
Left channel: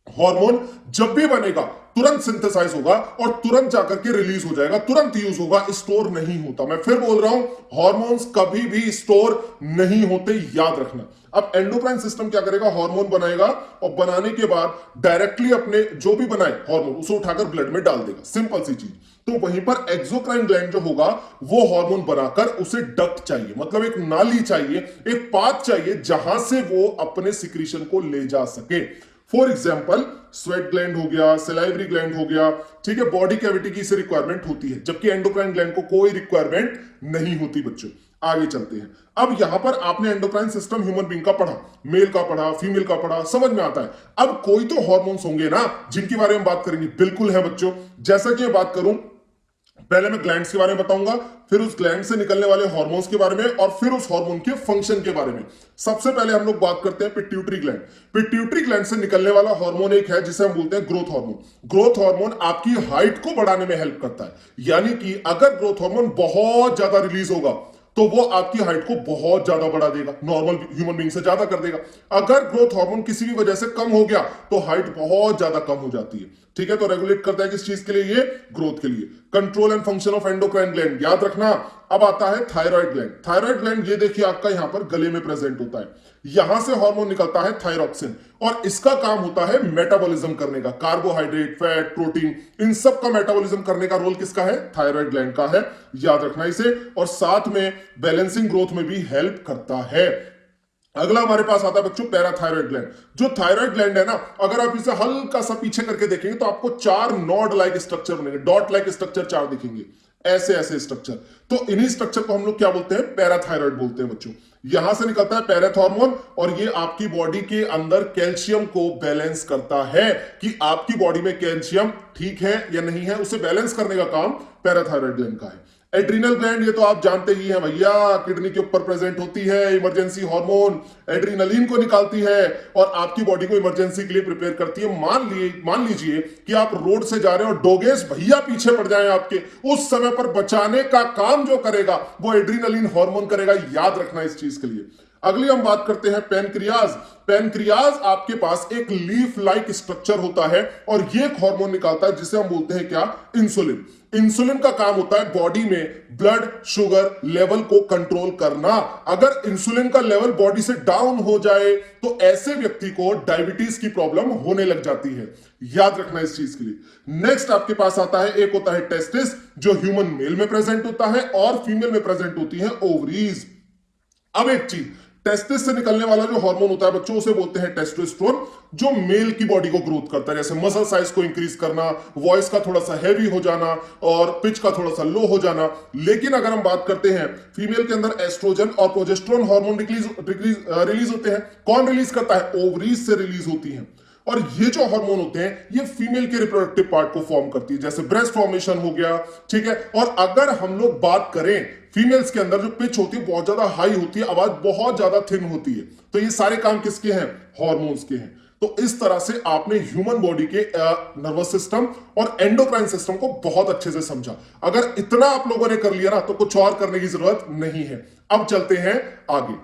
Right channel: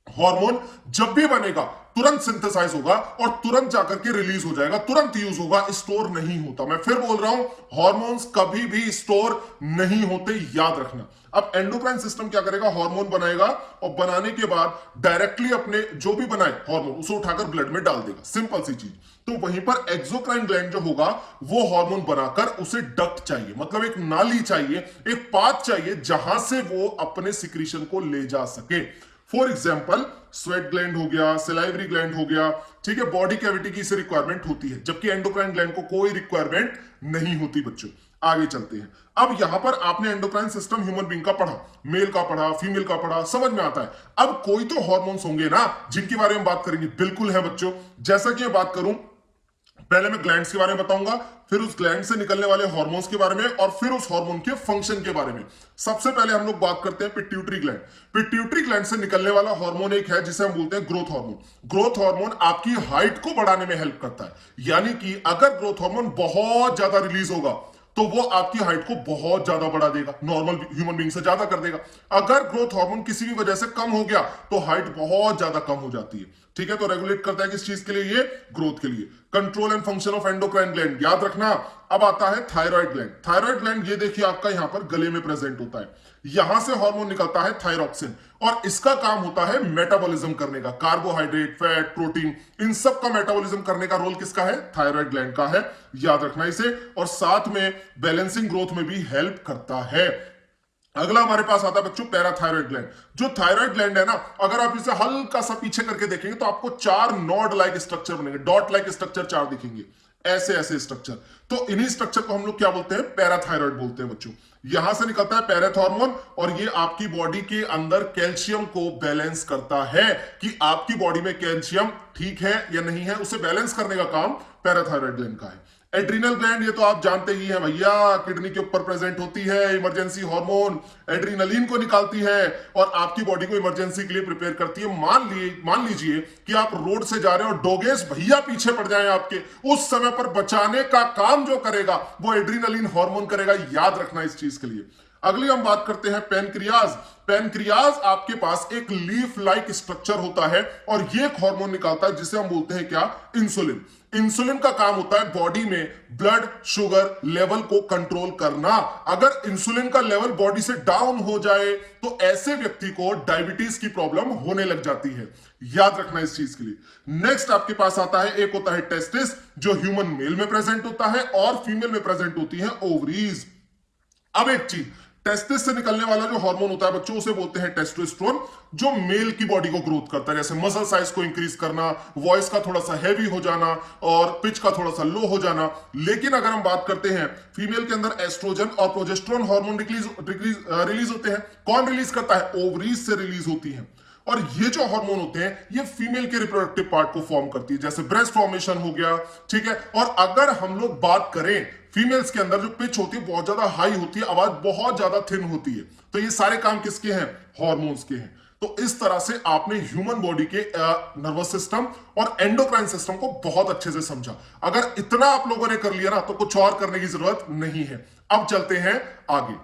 हार्मोन जब भी बनेगा तुरंत सिंथेसाइज होगा और तुरंत जाकर के रिलीज हो जाएगा, तुरंत यूज होगा, स्टोर नहीं होता। मैं फिर बोल रहा हूं, हार्मोन्स कभी भी स्टोर नहीं होते, याद रखना। अब एंडोक्राइन सिस्टम क्या करेगा, हार्मोन बनाएगा और बनाने के बाद डायरेक्टली अपने जो भी बनाए हार्मोन उसे उठाकर ब्लड में डाल देगा, सिंपल सी चीज। तो वहीं पर एक्सोक्राइन ग्लैंड जो होगा वो हार्मोन बनाकर उसे डक्ट चाहिए, मतलब एक नाली चाहिए, एक पाथ चाहिए जहां से वो अपने सिक्रीशन को ले जा सके। फॉर एग्जाम्पल स्वेट ग्लैंड हो गया, सलाइवरी ग्लैंड हो गया, ठीक है, बॉडी कैविटी की इसे रिक्वायरमेंट होती है, जबकि एंडोक्राइन ग्लैंड को कोई रिक्वायरमेंट नहीं होती। बच्चों आगे चलते हैं। अब यहां पर आपने एंडोक्राइन सिस्टम ह्यूमन बीइंग का पढ़ा, मेल का पढ़ा, फीमेल का पढ़ा, समझ में आता है। अब कोई तो हार्मोन्स होंगे ना जिनके बारे में बात करेंगे, बिल्कुल है बच्चों। जैसा कि मैं बात करूं, पहले मैं ग्लैंड्स के बारे में बताऊंगा, फिर उस ग्लैंड से निकलने वाले हार्मोन्स के बारे में और फिर उस हार्मोन के फंक्शन के बारे में। सबसे पहले हम लोग बात करते हैं पिट्यूटरी ग्लैंड। पिट्यूटरी ग्लैंड से निकलने वाला हार्मोन एक है जिसे हम बोलते हैं ग्रोथ हार्मोन। ग्रोथ हार्मोन आपकी हाइट को बढ़ाने में हेल्प करता है, यानी कि अगर ग्रोथ हार्मोन बहुत ज्यादा रिलीज होगा तो वो आपकी हाइट को बहुत ज्यादा बढ़ा देगा, नॉर्मल ह्यूमन बीइंग से ज्यादा कर देगा। अगर ग्रोथ हार्मोन किसी भी वजह से कम हो गया तो हाइट बहुत ज्यादा कम हो जाती है, ठीक है। तो रेगुलेट करता है किस चीज के लिए, ये ग्रोथ के लिए। Control and function of endocrine gland, याद रखना। अब आता है थायराइड ग्लैंड। थायराइड ग्लैंड ये देखिए आपका यहां पर गले में प्रेजेंट होता है, यहां से हार्मोन निकलता है थायरॉक्सिन और इसका काम होता है मेटाबॉलिज्म करने का। कार्बोहाइड्रेट, फैट, प्रोटीन, इन सब का मेटाबॉलिज्म करने का रोल किसका है, थायराइड ग्लैंड का है, याद रखना इसे। और साथ में बैलेंसिंग ग्रोथ में भी हेल्प करता है। अगला हमारे पास आता है बच्चों पैराथायराइड ग्लैंड। जो थायराइड ग्लैंड है ना, अगर आप इसे हल्का सा पीछे करके देखेंगे तो आपको चार नॉड लाइक स्ट्रक्चर बनेंगे, डॉट लाइक स्ट्रक्चर चार दिखेंगे, ऐसे ऐसे स्ट्रक्चर। तो इन्हीं स्ट्रक्चर को हम लोग क्या बोलते हैं, पैराथायराइड बोलते हैं बच्चों। यहां से निकलता है पैराथॉर्मोन और ये आपकी बॉडी के अंदर कैल्शियम को बैलेंस करता है कि आपकी बॉडी में कैल्शियम ठीक है या नहीं है, उसे बैलेंस करने का काम पैराथायराइड ग्लैंड का है। एड्रीनल ग्लैंड, ये तो आप जानते ही हैं भैया, किडनी के ऊपर प्रेजेंट होती है, इमरजेंसी हार्मोन एड्रीनलिन को निकालती है और आपकी बॉडी को इमरजेंसी के लिए प्रिपेयर करती है। मान लीजिए कि आप रोड से जा रहे हो और डोगेस भैया पीछे पड़ जाए आपके, उस समय पर बचाने का काम जो करेगा वो एड्रीनलिन हार्मोन करेगा, याद रखना इस चीज के लिए। अगली हम बात करते हैं पैनक्रियाज। पैनक्रियाज आपके पास एक लीफ लाइक स्ट्रक्चर होता है और ये एक हार्मोन निकालता है जिसे हम बोलते हैं क्या, इंसुलिन। इंसुलिन का काम होता है बॉडी में ब्लड शुगर लेवल को कंट्रोल करना। अगर इंसुलिन का लेवल बॉडी से डाउन हो जाए तो ऐसे व्यक्ति को डायबिटीज की प्रॉब्लम होने लग जाती है, याद रखना इस चीज के लिए। नेक्स्ट आपके पास आता है, एक होता है टेस्टिस जो ह्यूमन मेल में प्रेजेंट होता है और फीमेल में प्रेजेंट होती है ओवरीज। अब एक चीज, टेस्टिस से निकलने वाला जो हार्मोन होता है बच्चों उसे बोलते हैं टेस्टोस्टेरोन, जो मेल की बॉडी को ग्रोथ करता है, जैसे मसल साइज को इंक्रीज करना, वॉइस का थोड़ा सा हैवी हो जाना और पिच का थोड़ा सा लो हो जाना। लेकिन अगर हम बात करते हैं फीमेल के अंदर एस्ट्रोजन और प्रोजेस्टेरोन हार्मोन रिलीज होते हैं। कौन रिलीज करता है, ओवरीज से रिलीज होती है। और ये जो हार्मोन होते हैं ये फीमेल के रिप्रोडक्टिव पार्ट को फॉर्म करती है, जैसे ब्रेस्ट फॉर्मेशन हो गया, ठीक है। और अगर हम लोग बात करें फीमेल्स के अंदर जो पिच होती है बहुत ज्यादा हाई होती है, आवाज बहुत ज्यादा थिन होती है, तो ये सारे काम किसके हैं, हार्मोन्स के हैं। तो इस तरह से आपने ह्यूमन बॉडी के नर्वस सिस्टम और एंडोक्राइन सिस्टम को बहुत अच्छे से समझा। अगर इतना आप लोगों ने कर लिया ना तो कुछ और करने की जरूरत नहीं है। अब चलते हैं आगे।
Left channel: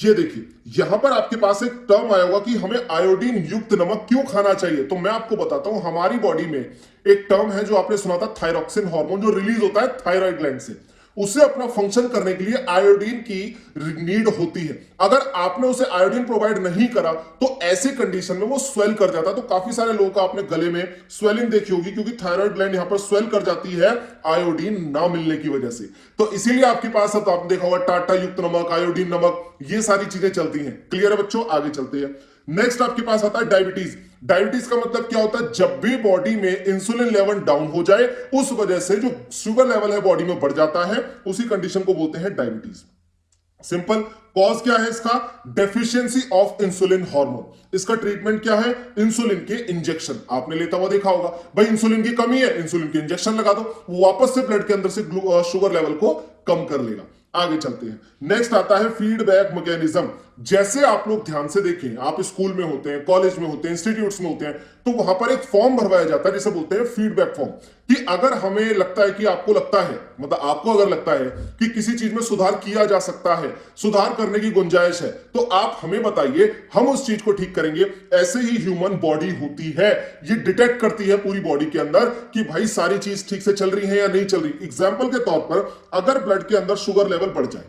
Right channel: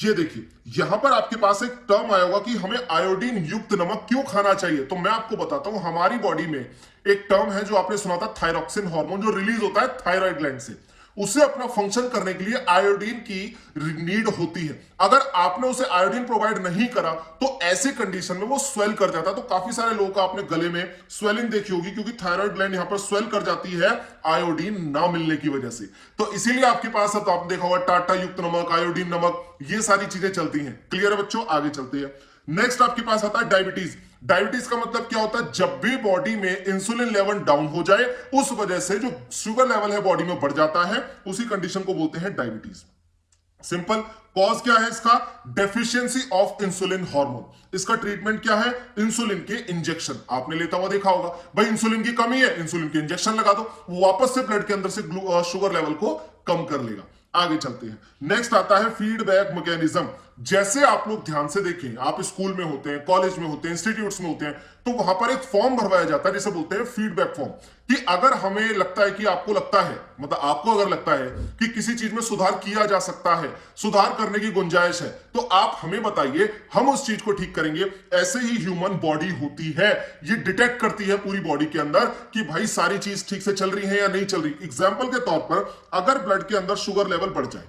ये देखिए यहां पर आपके पास एक टर्म आया होगा कि हमें आयोडीन युक्त नमक क्यों खाना चाहिए। तो मैं आपको बताता हूं, हमारी बॉडी में एक टर्म है जो आपने सुना था, थायरॉक्सिन हार्मोन, जो रिलीज होता है थायराइड ग्लैंड से। उसे अपना फंक्शन करने के लिए आयोडीन की नीड होती है। अगर आपने उसे आयोडीन प्रोवाइड नहीं करा तो ऐसे कंडीशन में वो स्वेल कर जाता है। तो काफी सारे लोगों का आपने गले में स्वेलिंग देखी होगी क्योंकि थायराइड ग्लैंड यहां पर स्वेल कर जाती है आयोडीन ना मिलने की वजह से। तो इसीलिए आपके पास अब आपने देखा होगा टाटा युक्त नमक, आयोडीन नमक, ये सारी चीजें चलती हैं। क्लियर है बच्चों, आगे चलते हैं। नेक्स्ट आपके पास आता है डायबिटीज। डायबिटीज का मतलब क्या होता है, जब भी बॉडी में इंसुलिन लेवल डाउन हो जाए उस वजह से जो शुगर लेवल है बॉडी में बढ़ जाता है, उसी कंडीशन को बोलते हैं डायबिटीज। सिंपल। कॉज क्या है इसका? Deficiency of insulin hormone. इसका ट्रीटमेंट क्या है? इंसुलिन के इंजेक्शन। आपने लेता हुआ देखा होगा, भाई इंसुलिन की कमी है, इंसुलिन के इंजेक्शन लगा दो, वो वापस से ब्लड के अंदर से शुगर लेवल को कम कर लेगा। आगे चलते हैं। नेक्स्ट आता है फीडबैक मैकेनिज्म। जैसे आप लोग ध्यान से देखें, आप स्कूल में होते हैं, कॉलेज में होते हैं, इंस्टीट्यूट्स में होते हैं, तो वहां पर एक फॉर्म भरवाया जाता है जिसे बोलते हैं फीडबैक फॉर्म। कि अगर हमें लगता है कि आपको लगता है, मतलब आपको अगर लगता है कि किसी चीज में सुधार किया जा सकता है, सुधार करने की गुंजाइश है, तो आप हमें बताइए, हम उस चीज को ठीक करेंगे। ऐसे ही ह्यूमन बॉडी होती है, ये डिटेक्ट करती है पूरी बॉडी के अंदर कि भाई सारी चीज ठीक से चल रही है या नहीं चल रही। एग्जाम्पल के तौर पर अगर ब्लड के अंदर शुगर लेवल बढ़ जाए,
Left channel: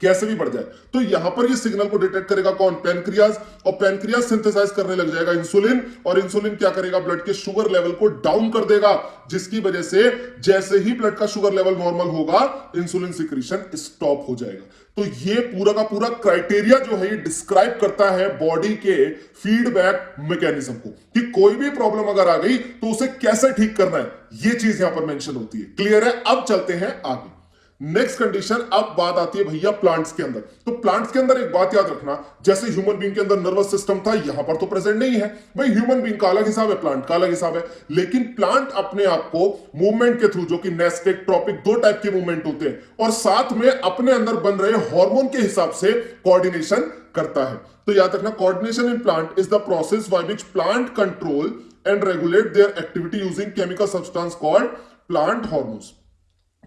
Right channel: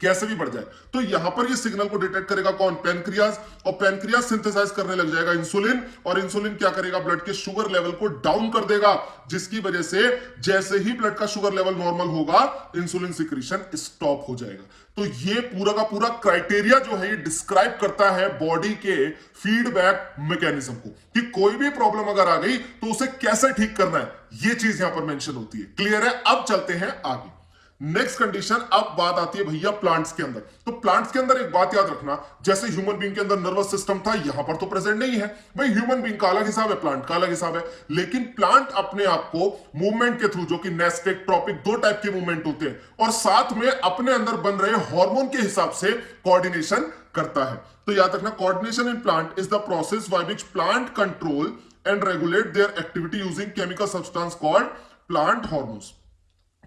कैसे भी बढ़ जाए, तो यहां पर ये सिग्नल को डिटेक्ट करेगा कौन? पैनक्रियाज। और पैनक्रियाज सिंथेसाइज करने लग जाएगा इंसुलिन, और इंसुलिन क्या करेगा? ब्लड के शुगर लेवल को डाउन कर देगा, जिसकी वजह से जैसे ही ब्लड का शुगर लेवल नॉर्मल होगा, इंसुलिन सिक्रीशन स्टॉप हो जाएगा। तो ये पूरा का पूरा क्राइटेरिया जो है, ये डिस्क्राइब करता है बॉडी के फीडबैक मैकेनिज्म को, कि कोई भी प्रॉब्लम अगर आ गई तो उसे कैसे ठीक करना है, ये चीज यहां पर मेंशन होती है। क्लियर है? अब चलते हैं आगे। नेक्स्ट कंडीशन, अब बात आती है भैया प्लांट्स के अंदर। तो प्लांट्स के अंदर एक बात याद रखना, जैसे ह्यूमन बीइंग के अंदर नर्वस सिस्टम था, यहां पर तो प्रेजेंट नहीं है। भाई ह्यूमन बीइंग का अलग हिसाब है, प्लांट का अलग हिसाब है। लेकिन प्लांट अपने आप को मूवमेंट के थ्रू, जो कि नेस्टिक, ट्रॉपिक, दो टाइप के मूवमेंट होते हैं, और साथ में अपने अंदर बन रहे हार्मोन के हिसाब से कोऑर्डिनेशन करता है। तो याद रखना, coordination in plant is the process by which plant control and regulate there activity using chemical substance called plant hormones.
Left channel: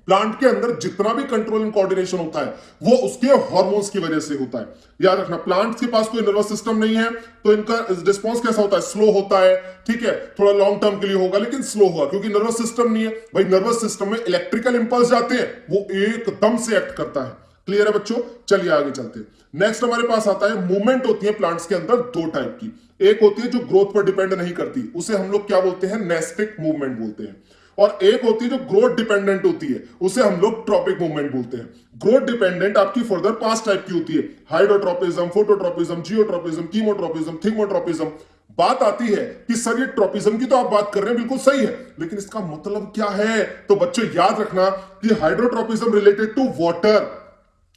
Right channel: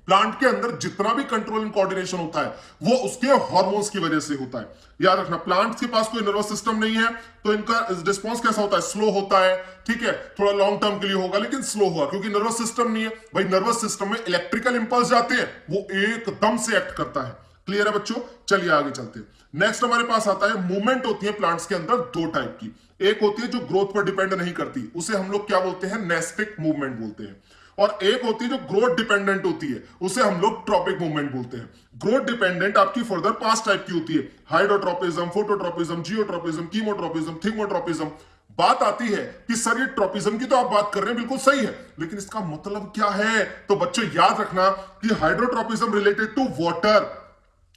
Plant के अंदर जितना भी कंट्रोल एंड कोऑर्डिनेशन होता है, वो उसके हार्मोन्स की वजह से होता है। याद रखना, प्लांट्स के पास कोई नर्वस सिस्टम नहीं है, तो इनका रिस्पॉन्स कैसा होता है? स्लो होता है। ठीक है, थोड़ा लॉन्ग टर्म के लिए होगा, लेकिन स्लो हुआ, क्योंकि नर्वस सिस्टम नहीं है। भाई नर्वस सिस्टम में इलेक्ट्रिकल इंपल्स जाते हैं, वो एकदम से एक्ट करता है। क्लियर है बच्चों? चलिए आगे चलते हैं। नेक्स्ट हमारे पास आता है, मूवमेंट होती है प्लांट्स के अंदर दो टाइप की। एक होती है जो ग्रोथ पर डिपेंड नहीं करती, उसे हम लोग क्या बोलते हैं? नेस्टिक मूवमेंट बोलते हैं। और एक होती है जो ग्रोथ डिपेंडेंट होती है, उसे हम लोग ट्रॉपिक मूवमेंट बोलते हैं। ग्रोथ डिपेंडेंट आपकी फर्दर 5 टाइप की होती है: हाइड्रोट्रोपिज्म, फोटोट्रोपिज्म, जियोट्रोपिज्म, कीमोट्रोपिज्म, थिगमोट्रोपिज्म। बात आती है कि सर ये ट्रोपिज्म की तो आप बात कर रहे हैं, बिल्कुल सही है, लेकिन इसका मतलब क्या है? तो बच्चों याद रखना कि hydrotropism related to water,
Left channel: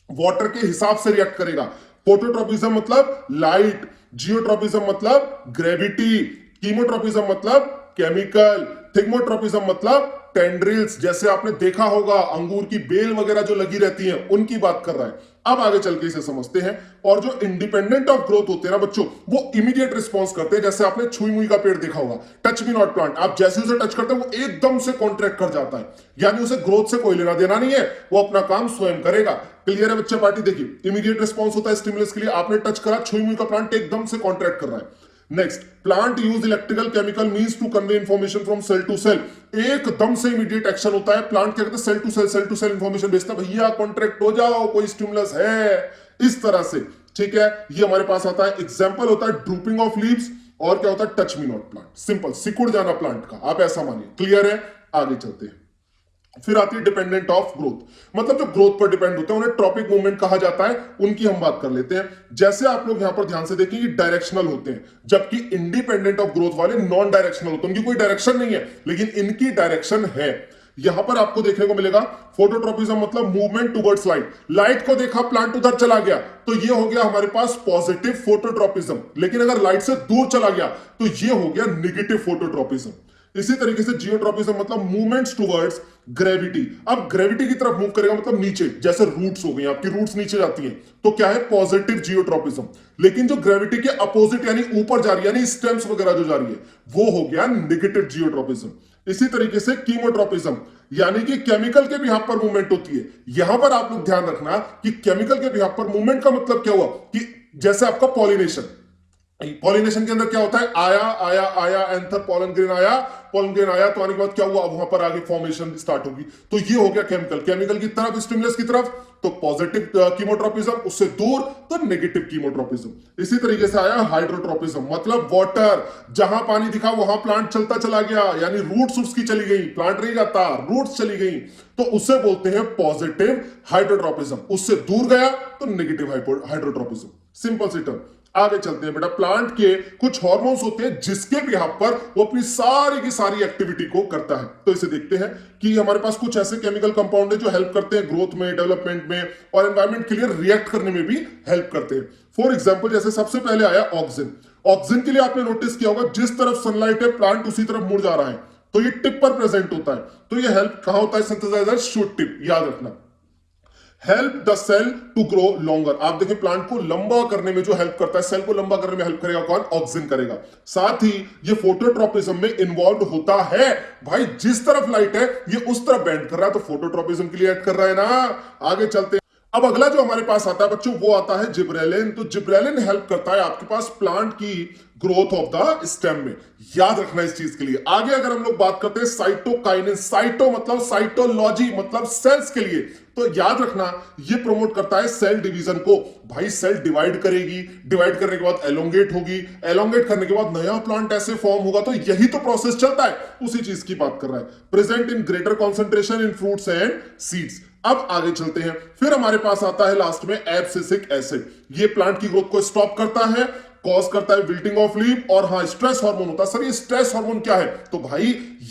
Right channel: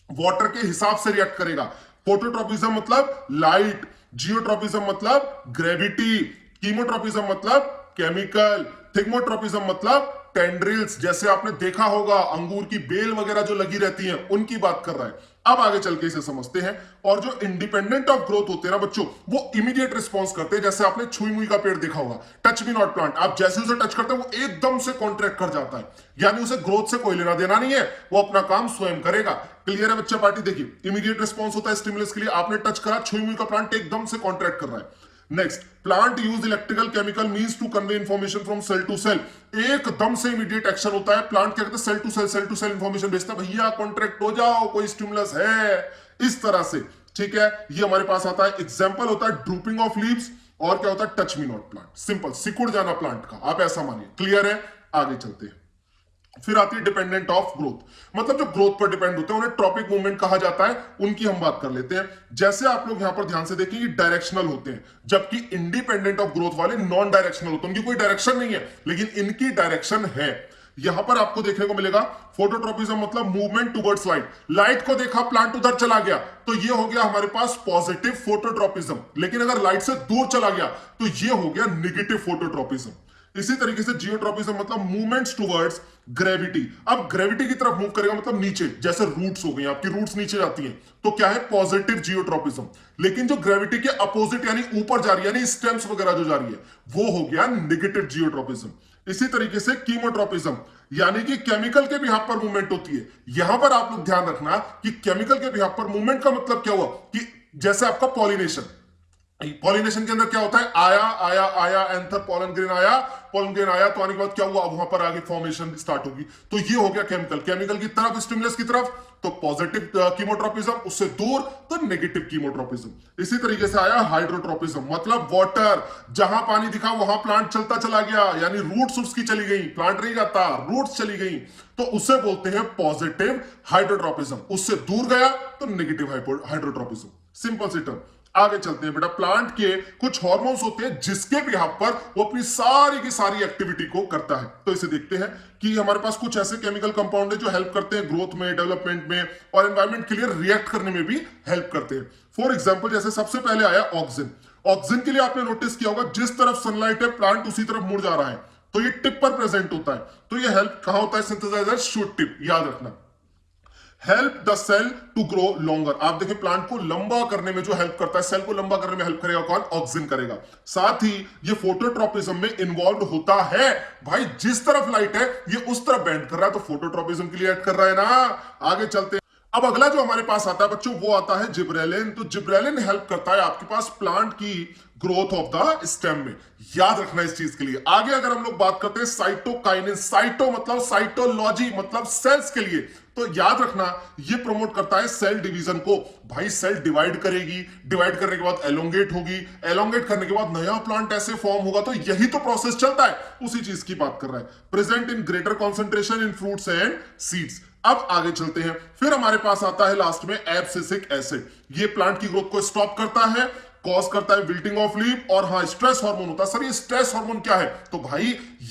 water के हिसाब से रिएक्ट करेगा। फोटोट्रोपिज्म मतलब लाइट, जियोट्रोपिज्म मतलब ग्रेविटी, कीमोट्रोपिज्म मतलब केमिकल, थिगमोट्रोपिज्म मतलब टेंड्रिल्स, जैसे आपने देखा होगा अंगूर की बेल वगैरह जो लगी रहती हैं, उनकी बात कर रहा है। अब आगे चल के इसे समझते हैं। और जो इंडिपेंडेंट ऑफ ग्रोथ होते हैं ना बच्चों, वो इमीडिएट रिस्पॉन्स करते हैं। जैसे आपने छुई मुई का पेड़ देखा होगा, टच मी नॉट प्लांट, आप जैसे उसे टच करते हैं वो एकदम से कॉन्ट्रैक्ट कर जाता है, यानी उसे ग्रोथ से कोई लेना देना नहीं है, वो अपना काम स्वयं करेगा। क्लियर है बच्चा पार्टी? देखिए, इमीडिएट रिस्पॉन्स होता है स्टिमुलस के लिए। आपने टच करा, छुई मुई का प्लांट एकदम से कॉन्ट्रैक्ट कर रहा है। Next, plant use electrical chemical means to convey information from cell to cell. एकदम से इमीडिएट एक्शन होता है। प्लांट क्या करता है? सेल टू सेल इंफॉर्मेशन भेजता है, भैया कॉन्ट्रैक्ट हो जाओ, कोई स्टिमुलस है, इस तरह से। ठीक है, ये हमारे पास आता है। एग्जांपल होता है ड्रूपिंग ऑफ लीव्स, और क्या होता है? Touch me not plant. Simple, सिकुड़ जाना प्लांट का, आप ऐसा मानिए। क्लियर है? आगे चलते हैं। फिर आती है डिपेंडेंट ऑफ ग्रोथ, मतलब जो ग्रोथ पर डिपेंड होते हैं, उन्हें ट्रॉपिक मूवमेंट कहा जाता है। उनकी हम बात कर लेते हैं। जैसे आप लोग यहां पर ध्यान से देखेंगे, डायरेक्शनल होते हैं, जबकि इंडिपेंडेंट ऑफ ग्रोथ वाले नॉन डायरेक्शनल होते हैं। उनकी कोई डायरेक्शन नहीं है, लेकिन इनकी डायरेक्शन है। यहां पर आपको देखने को मिलेगा फोटोट्रोपिज्म मतलब मूवमेंट टुवर्ड्स लाइट। लाइट को देखा, प्लांट उधर चला गया, तो ये हो गया हमारे पास पॉजिटिव फोटोट्रोपिज्म। लेकिन अगर लाइट से दूर चला गया, तो ये हो गया निगेटिव फोटोट्रोपिज्म। इसी तरीके से जियोट्रोपिज्म मतलब मूवमेंट्स टुवर्ड्स ग्रेविटी। अब ग्रेविटी की तरफ मूव करेगा, मतलब नीचे, जैसे रूट्स हो गई, आपकी रूट्स नीचे जाती हैं, तो क्या है? Positive geotropism. लेकिन जो ग्रेविटी के अपोजिट यानी ऊपर जा रही है, यानी स्टेम्स वगैरह जो जा रही है, वो हो गया नेगेटिव जियोट्रोपिज्म। इसी तरीके से कीमोट्रोपिज्म, यानी कि केमिकल के बिहाफ पर मूवमेंट होती है। यहां पर आप लोग ध्यान रखना कि केमिकल के बिहाफ पर मूवमेंट का मतलब क्या हुआ? कि जैसे आपका पॉलिनेशन, पॉलिनेशन के अंदर क्या होता है? आया आया आया, एंथर पोलन ग्रेन आया, पोलन ग्रेन आया, तो आने के बाद क्या हुआ? वहां पर आगे फॉर्मेशन स्टार्ट होगी। तो ये हो गया केमिकल, केमिकल की तरफ, स्टिमुलस की तरफ तो पॉजिटिव कीमोट्रोपिज्म, उससे दूर तो नेगेटिव कीमोट्रोपिज्म। इसी तरीके से आया हाइड्रोट्रोपिज्म, मतलब वाटर, जहां पानी दिखा वहां प्लांट चलता चला गया, यानी रूट्स उसकी चली गई, प्लांट नहीं जाता, रूट्स चली गई, तो उसे बोलते हैं पॉजिटिव हाइड्रोट्रोपिज्म। उससे दूर गया तो नेगेटिव हाइड्रोट्रोपिज्म। सिंपल सी टर्म। आगे चलते हैं बेटा। प्लांट के कुछ हार्मोन्स होते हैं जिसके बिहाफ पर वो अपनी सारी की सारी एक्टिविटी को करता है। तो इसे देखते हैं कि हमारे पास कुछ ऐसे केमिकल कंपाउंड है जो हेल्प करते हैं ग्रोथ में, डेवलपमेंट में और एनवायरमेंट के लिए रिएक्ट करने में भी हेल्प करते हैं। फॉर एग्जाम्पल जैसे सबसे पहले आया ऑक्सीजन। ऑक्सीजन के लिए आपने नोटिस किया होगा जिस तरफ सनलाइट है प्लांट उसी तरफ मुड़ जा रहा है, तो ये टिप पर प्रेजेंट होता है। तो ये हेल्प कहां होता है? सिंथेसाइजर शूट टिप, याद रखना। Help the cell to grow longer. आप देखें प्लांट को लंबा करने में जो हेल्प करता है, सेल को लंबा करने में हेल्प करेगा कौन? ऑक्सीजन करेगा। साथ ही ये फोटोट्रोपिज्म में इन्वॉल्व होता है। भाई जिस तरफ लाइट है ये उस तरफ बेंड कर रहा है, तो फोटोट्रोपिज्म के लिए ऐड कर रहा है ना। आगे चलते हैं। अब अगला जो हमारे पास आता है बच्चों वो आता है जिब्रेलिन। तो जिब्रेलिन हेल्प करता है आपके पास प्लांट की ग्रोथ ऑफ द स्टेम में। याद रखना इस चीज के लिए। आगे अगर हम लोग बात करते हैं साइटोकाइनिन, साइटो मतलब साइटोलॉजी मतलब सेल्स के लिए, तो याद रखना ये प्रमोट करता है सेल डिवीजन को। भाई सेल डिवाइड करेगी, डिवाइड करने के बाद एलोंगेट होगी, एलोंगेट करने के बाद नया प्लांट ऐसे फॉर्म होगा। तो यही तो प्रोसेस चलता है, उसी चीज की बात कर रहा है। Present in greater concentration in fruits and seeds. अब आगे चलते हैं। फिर हमारे पास आता है लास्ट में एब्सिसिक एसिड। ये प्लांट की ग्रोथ को स्टॉप करता है, कॉज करता है विल्टिंग ऑफ लीफ, और हाँ स्ट्रेस हार्मोन होता है। सर ये स्ट्रेस हार्मोन क्या है? तो भाई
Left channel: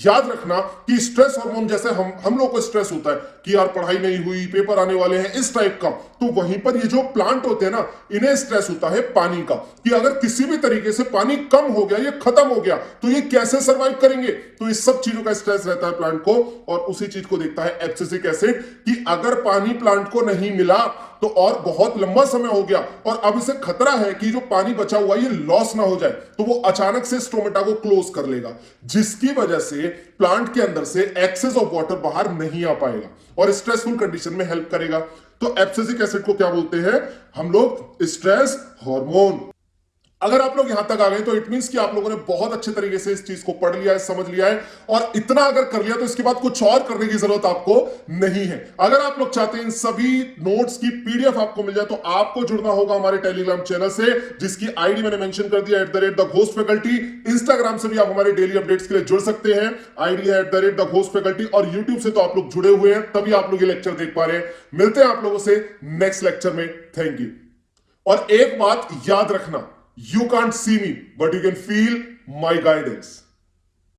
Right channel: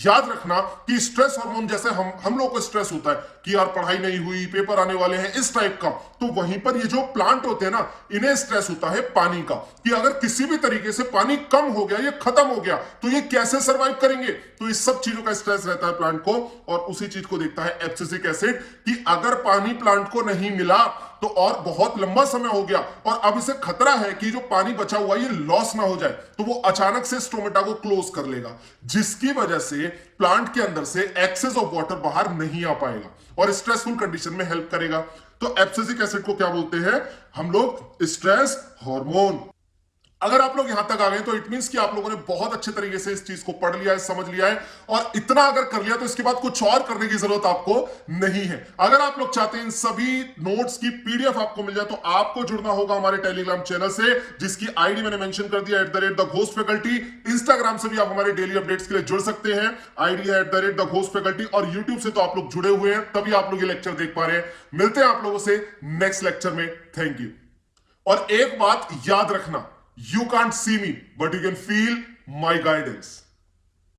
याद रखना कि स्ट्रेस हार्मोन जैसे हम लोग को स्ट्रेस होता है कि यार पढ़ाई नहीं हुई, पेपर आने वाले हैं, इस टाइप का, तो वहीं पर ये जो प्लांट होते हैं ना, इन्हें स्ट्रेस होता है पानी का, कि अगर किसी भी तरीके से पानी कम हो गया, ये खत्म हो गया, तो ये कैसे सर्वाइव करेंगे। तो इस सब चीजों का स्ट्रेस रहता है प्लांट को, और उसी चीज को देखता है एब्सिसिक एसिड कि अगर पानी प्लांट को नहीं मिला तो और बहुत लंबा समय हो गया और अब इसे खतरा है कि जो पानी बचा हुआ ये लॉस ना हो जाए, तो वो अचानक से स्टोमेटा को क्लोज कर लेगा, जिसकी वजह से प्लांट के अंदर से एक्सेस ऑफ वाटर बाहर नहीं आ पाएगा और स्ट्रेसफुल कंडीशन में हेल्प करेगा। तो एब्सिसिक एसिड को क्या बोलते हैं हम लोग? Stress hormone. अगर आप लोग यहां तक आ गए तो इट मींस कि आप लोगों ने बहुत अच्छे तरीके से इस चीज को पढ़ लिया है, समझ लिया है, और इतना अगर कर लिया तो इसके बाद कुछ और करने की जरूरत आपको नहीं है। अगर आप लोग चाहते हैं इन सभी नोट्स की पीडीएफ आपको मिल जाए तो आपको जुड़ना होगा हमारे टेलीग्राम चैनल से, जिसकी आईडी मैंने मेंशन कर दिया @theghost_faculty। इंस्टाग्राम से भी आप हमारे डेली अपडेट्स के लिए जुड़ सकते हैं, आईडी है @theghost_faculty, और यूट्यूब से तो आप लोग जुड़े हुए हैं तभी आप लोग ये लेक्चर देख पा रहे हैं। मिलते हैं आप लोगों से नेक्स्ट लेक्चर में। Thank you. और एक बात याद रखना, you can't see me, but you can feel my guidance.